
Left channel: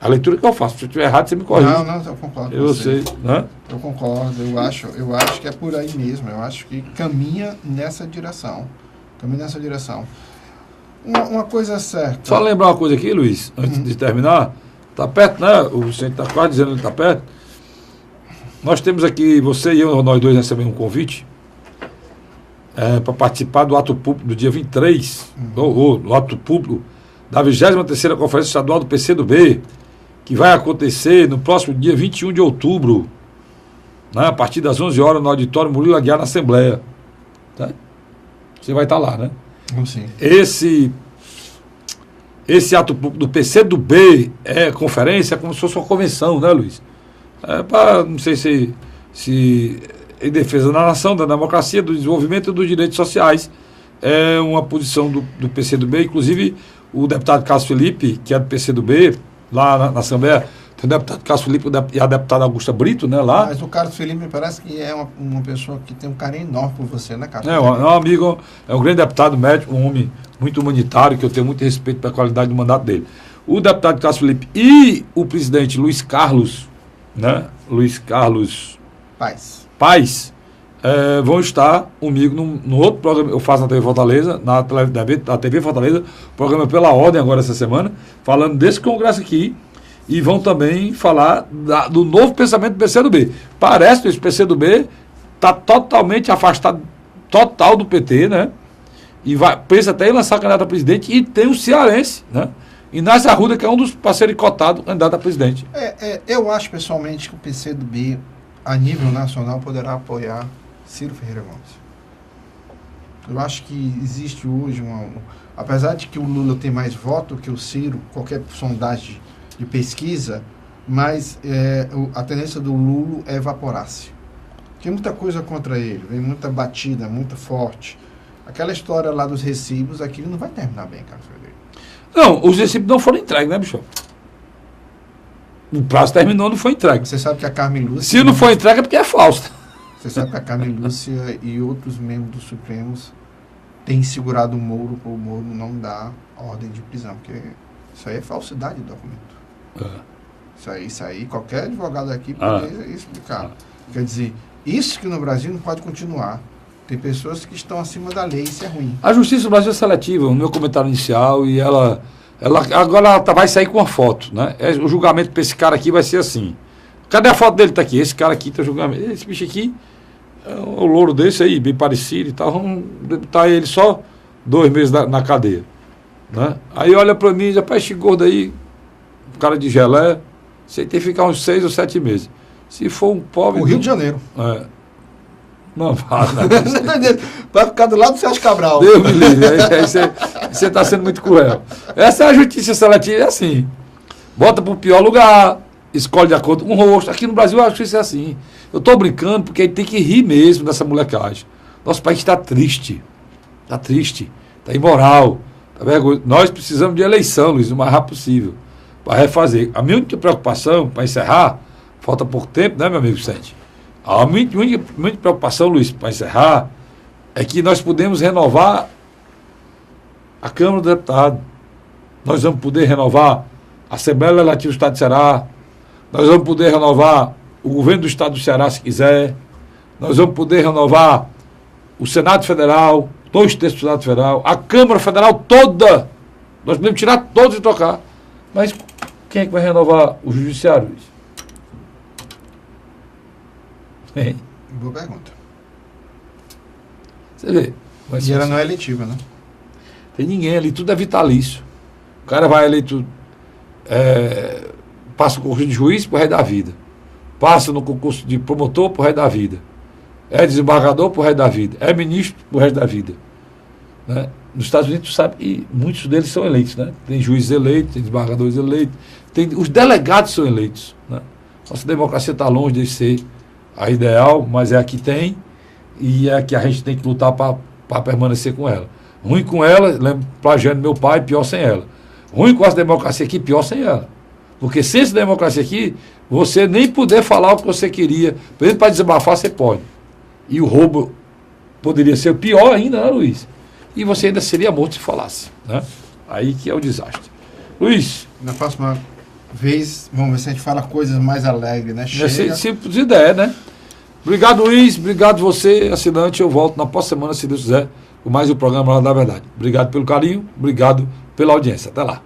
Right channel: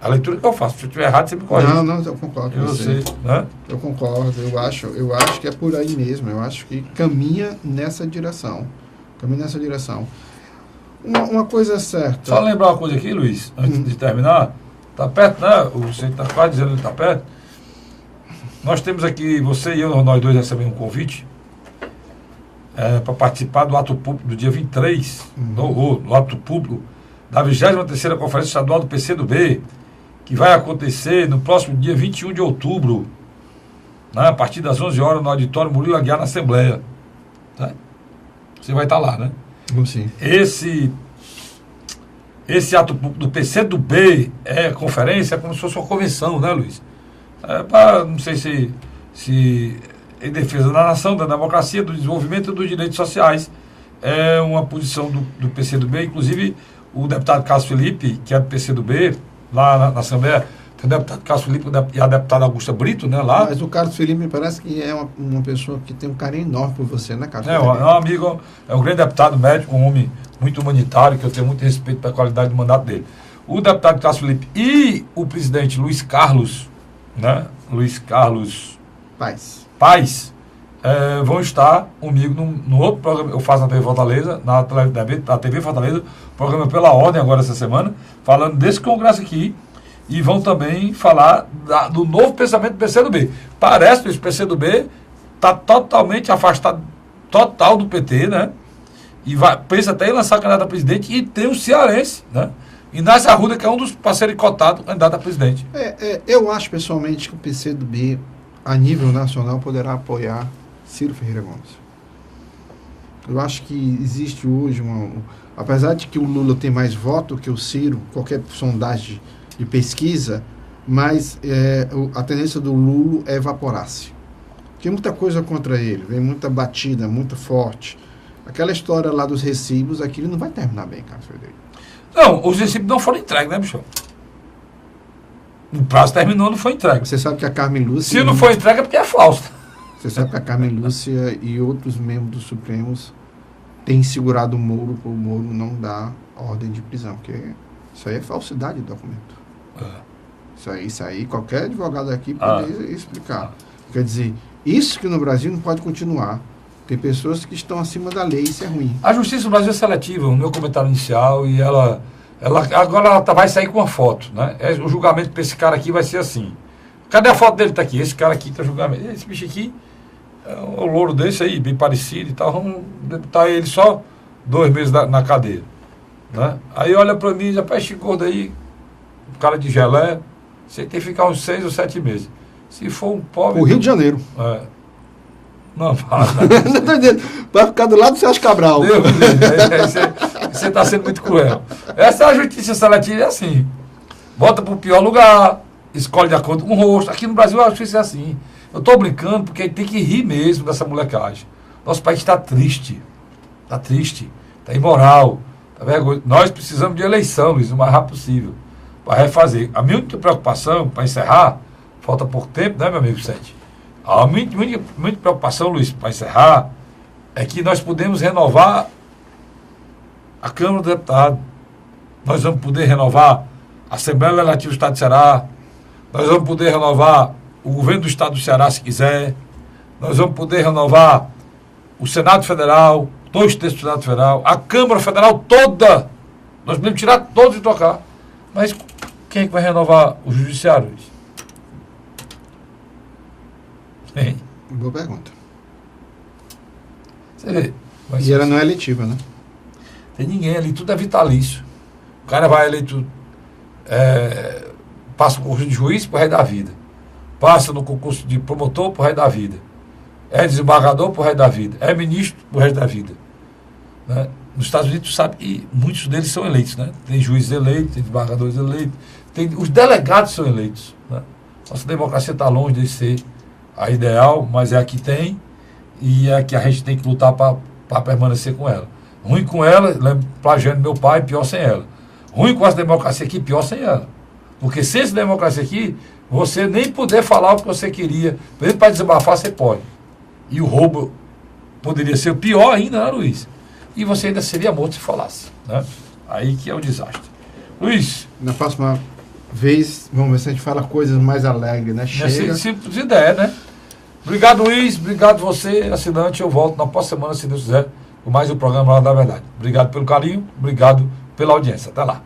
A leitura que eu faço. Se eu estiver errado, você me corrige. Não, eu concordo com você. Eu sei. Né? Eu concordo. Eu acho que é por aí mesmo. Eu acho que caminha nessa direção. Uma coisa certa. Só lembrar uma coisa aqui, Luiz, antes de terminar. Está perto, né? O centro está quase dizendo que está perto. Nós temos aqui, você e eu, nós dois recebemos um convite para participar do ato público do dia 23, no ato público da 23ª Conferência Estadual do PCdoB, que vai acontecer no próximo dia 21 de outubro, né? A partir das 11 horas no auditório Murilo Aguiar, na Assembleia. Tá? Você vai estar lá, né? Sim. Esse ato do PCdoB é conferência, é como se fosse uma convenção, né, Luiz? É para, não sei se em defesa da nação, da democracia, do desenvolvimento e dos direitos sociais. É uma posição do PCdoB, inclusive o deputado Cássio Felipe, que é do PCdoB, lá na Assembleia, o deputado Cássio Felipe e a deputada Augusta Brito, né, lá. Mas o Cássio Felipe me parece que é uma pessoa que tem um carinho enorme por você, né, Cássio? É um amigo, é um grande deputado médico, um homem muito humanitário, que eu tenho muito respeito pela qualidade do mandato dele. O deputado Cássio Felipe e o presidente Luiz Carlos, né, Luiz Carlos Paes, vão estar comigo no outro programa, eu faço na TV Fortaleza, na TV Fortaleza, programa Pela Ordem agora essa semana, falando desse congresso aqui, e vão também falar do novo pensamento do PCdoB. Parece que esse PCdoB está totalmente afastado, total do PT, né? E pensa até em lançar candidato a presidente, e tem o cearense, né? Inácio Arruda, que é um dos parceiros cotados candidato a presidente. Eu acho pessoalmente que o PCdoB, a nível nacional, poderá apoiar Ciro Ferreira Gomes. Eu acho que existe hoje apesar de que o Lula tem mais voto que o Ciro, qualquer sondagem de pesquisa, mas a tendência do Lula é evaporar-se. Tem muita coisa contra ele, vem muita batida, muito forte. Aquela história lá dos recibos, aquilo não vai terminar bem, Carlos Frederico. Não, os recibos não foram entregues, né, bicho? O prazo terminou, não foi entregue. Você sabe que a Carmen Lúcia... Se não foi entregue é porque é falso. Você sabe que a Carmen Lúcia e outros membros do Supremos têm segurado o Moro para o Moro não dar ordem de prisão, porque isso aí é falsidade do documento. Isso aí qualquer advogado aqui pode explicar. Quer dizer, isso que no Brasil não pode continuar. Tem pessoas que estão acima da lei, isso é ruim. A Justiça do Brasil é seletiva, no meu comentário inicial, e ela agora ela vai sair com uma foto, né? O julgamento para esse cara aqui vai ser assim. Cadê a foto dele? Está aqui. Esse cara aqui está julgamento. Esse bicho aqui é um louro desse aí, bem parecido e tal. Vamos deputar ele só 2 meses na cadeia. Né? Aí olha para mim, já peste gordo aí, cara de gelé, você tem que ficar uns 6 ou 7 meses. Se for um pobre... O Rio de Janeiro. Não fala. Você tá entendendo? Vai ficar do lado do Sérgio Cabral. Deus me livre. Você está sendo muito cruel. Essa é a justiça seletiva, é assim. Bota para o pior lugar, escolhe de acordo com o rosto. Aqui no Brasil eu acho que isso é assim. Eu estou brincando porque aí tem que rir mesmo dessa molecagem. Nosso país está triste. Está triste. Está imoral. Tá vergonha. Nós precisamos de eleição, Luiz, o mais rápido possível. Para refazer. A minha única preocupação, para encerrar, falta pouco tempo, né, meu amigo Vicente? A minha preocupação, Luiz, para encerrar, é que nós podemos renovar a Câmara do Deputado. Nós vamos poder renovar a Assembleia Legislativa do Estado do Ceará. Nós vamos poder renovar o governo do Estado do Ceará, se quiser. Nós vamos poder renovar o Senado Federal, 2/3 do Senado Federal, a Câmara Federal toda. Nós podemos tirar todos e trocar. Mas quem é que vai renovar o Judiciário? Boa pergunta. Você vê. E ela não é eletiva, né? Tem ninguém ali, tudo é vitalício. O cara vai eleito, passa o concurso de juiz pro resto da vida. Passa no concurso de promotor pro resto da vida. É desembargador pro resto da vida. É ministro pro resto da vida. Né? Nos Estados Unidos, tu sabe que muitos deles são eleitos, né? Tem juízes eleitos, tem desembargadores eleitos, os delegados são eleitos. Né? Nossa democracia está longe de ser a ideal, mas é a que tem e é a que a gente tem que lutar para permanecer com ela. Ruim com ela, lembro, plagiando meu pai, pior sem ela. Ruim com essa democracia aqui, pior sem ela. Porque sem essa democracia aqui, você nem poder falar o que você queria. Por exemplo, para desabafar, você pode. E o roubo poderia ser pior ainda, né, Luiz? E você ainda seria morto se falasse. Né? Aí que é o desastre. Luiz. Na próxima vez, vamos ver se a gente fala coisas mais alegres, né? Chega. Simples de ideia, né? Obrigado, Luiz. Obrigado você, assinante. Eu volto na próxima semana, se Deus quiser, com mais um programa lá da Verdade. Obrigado pelo carinho. Obrigado pela audiência. Até lá.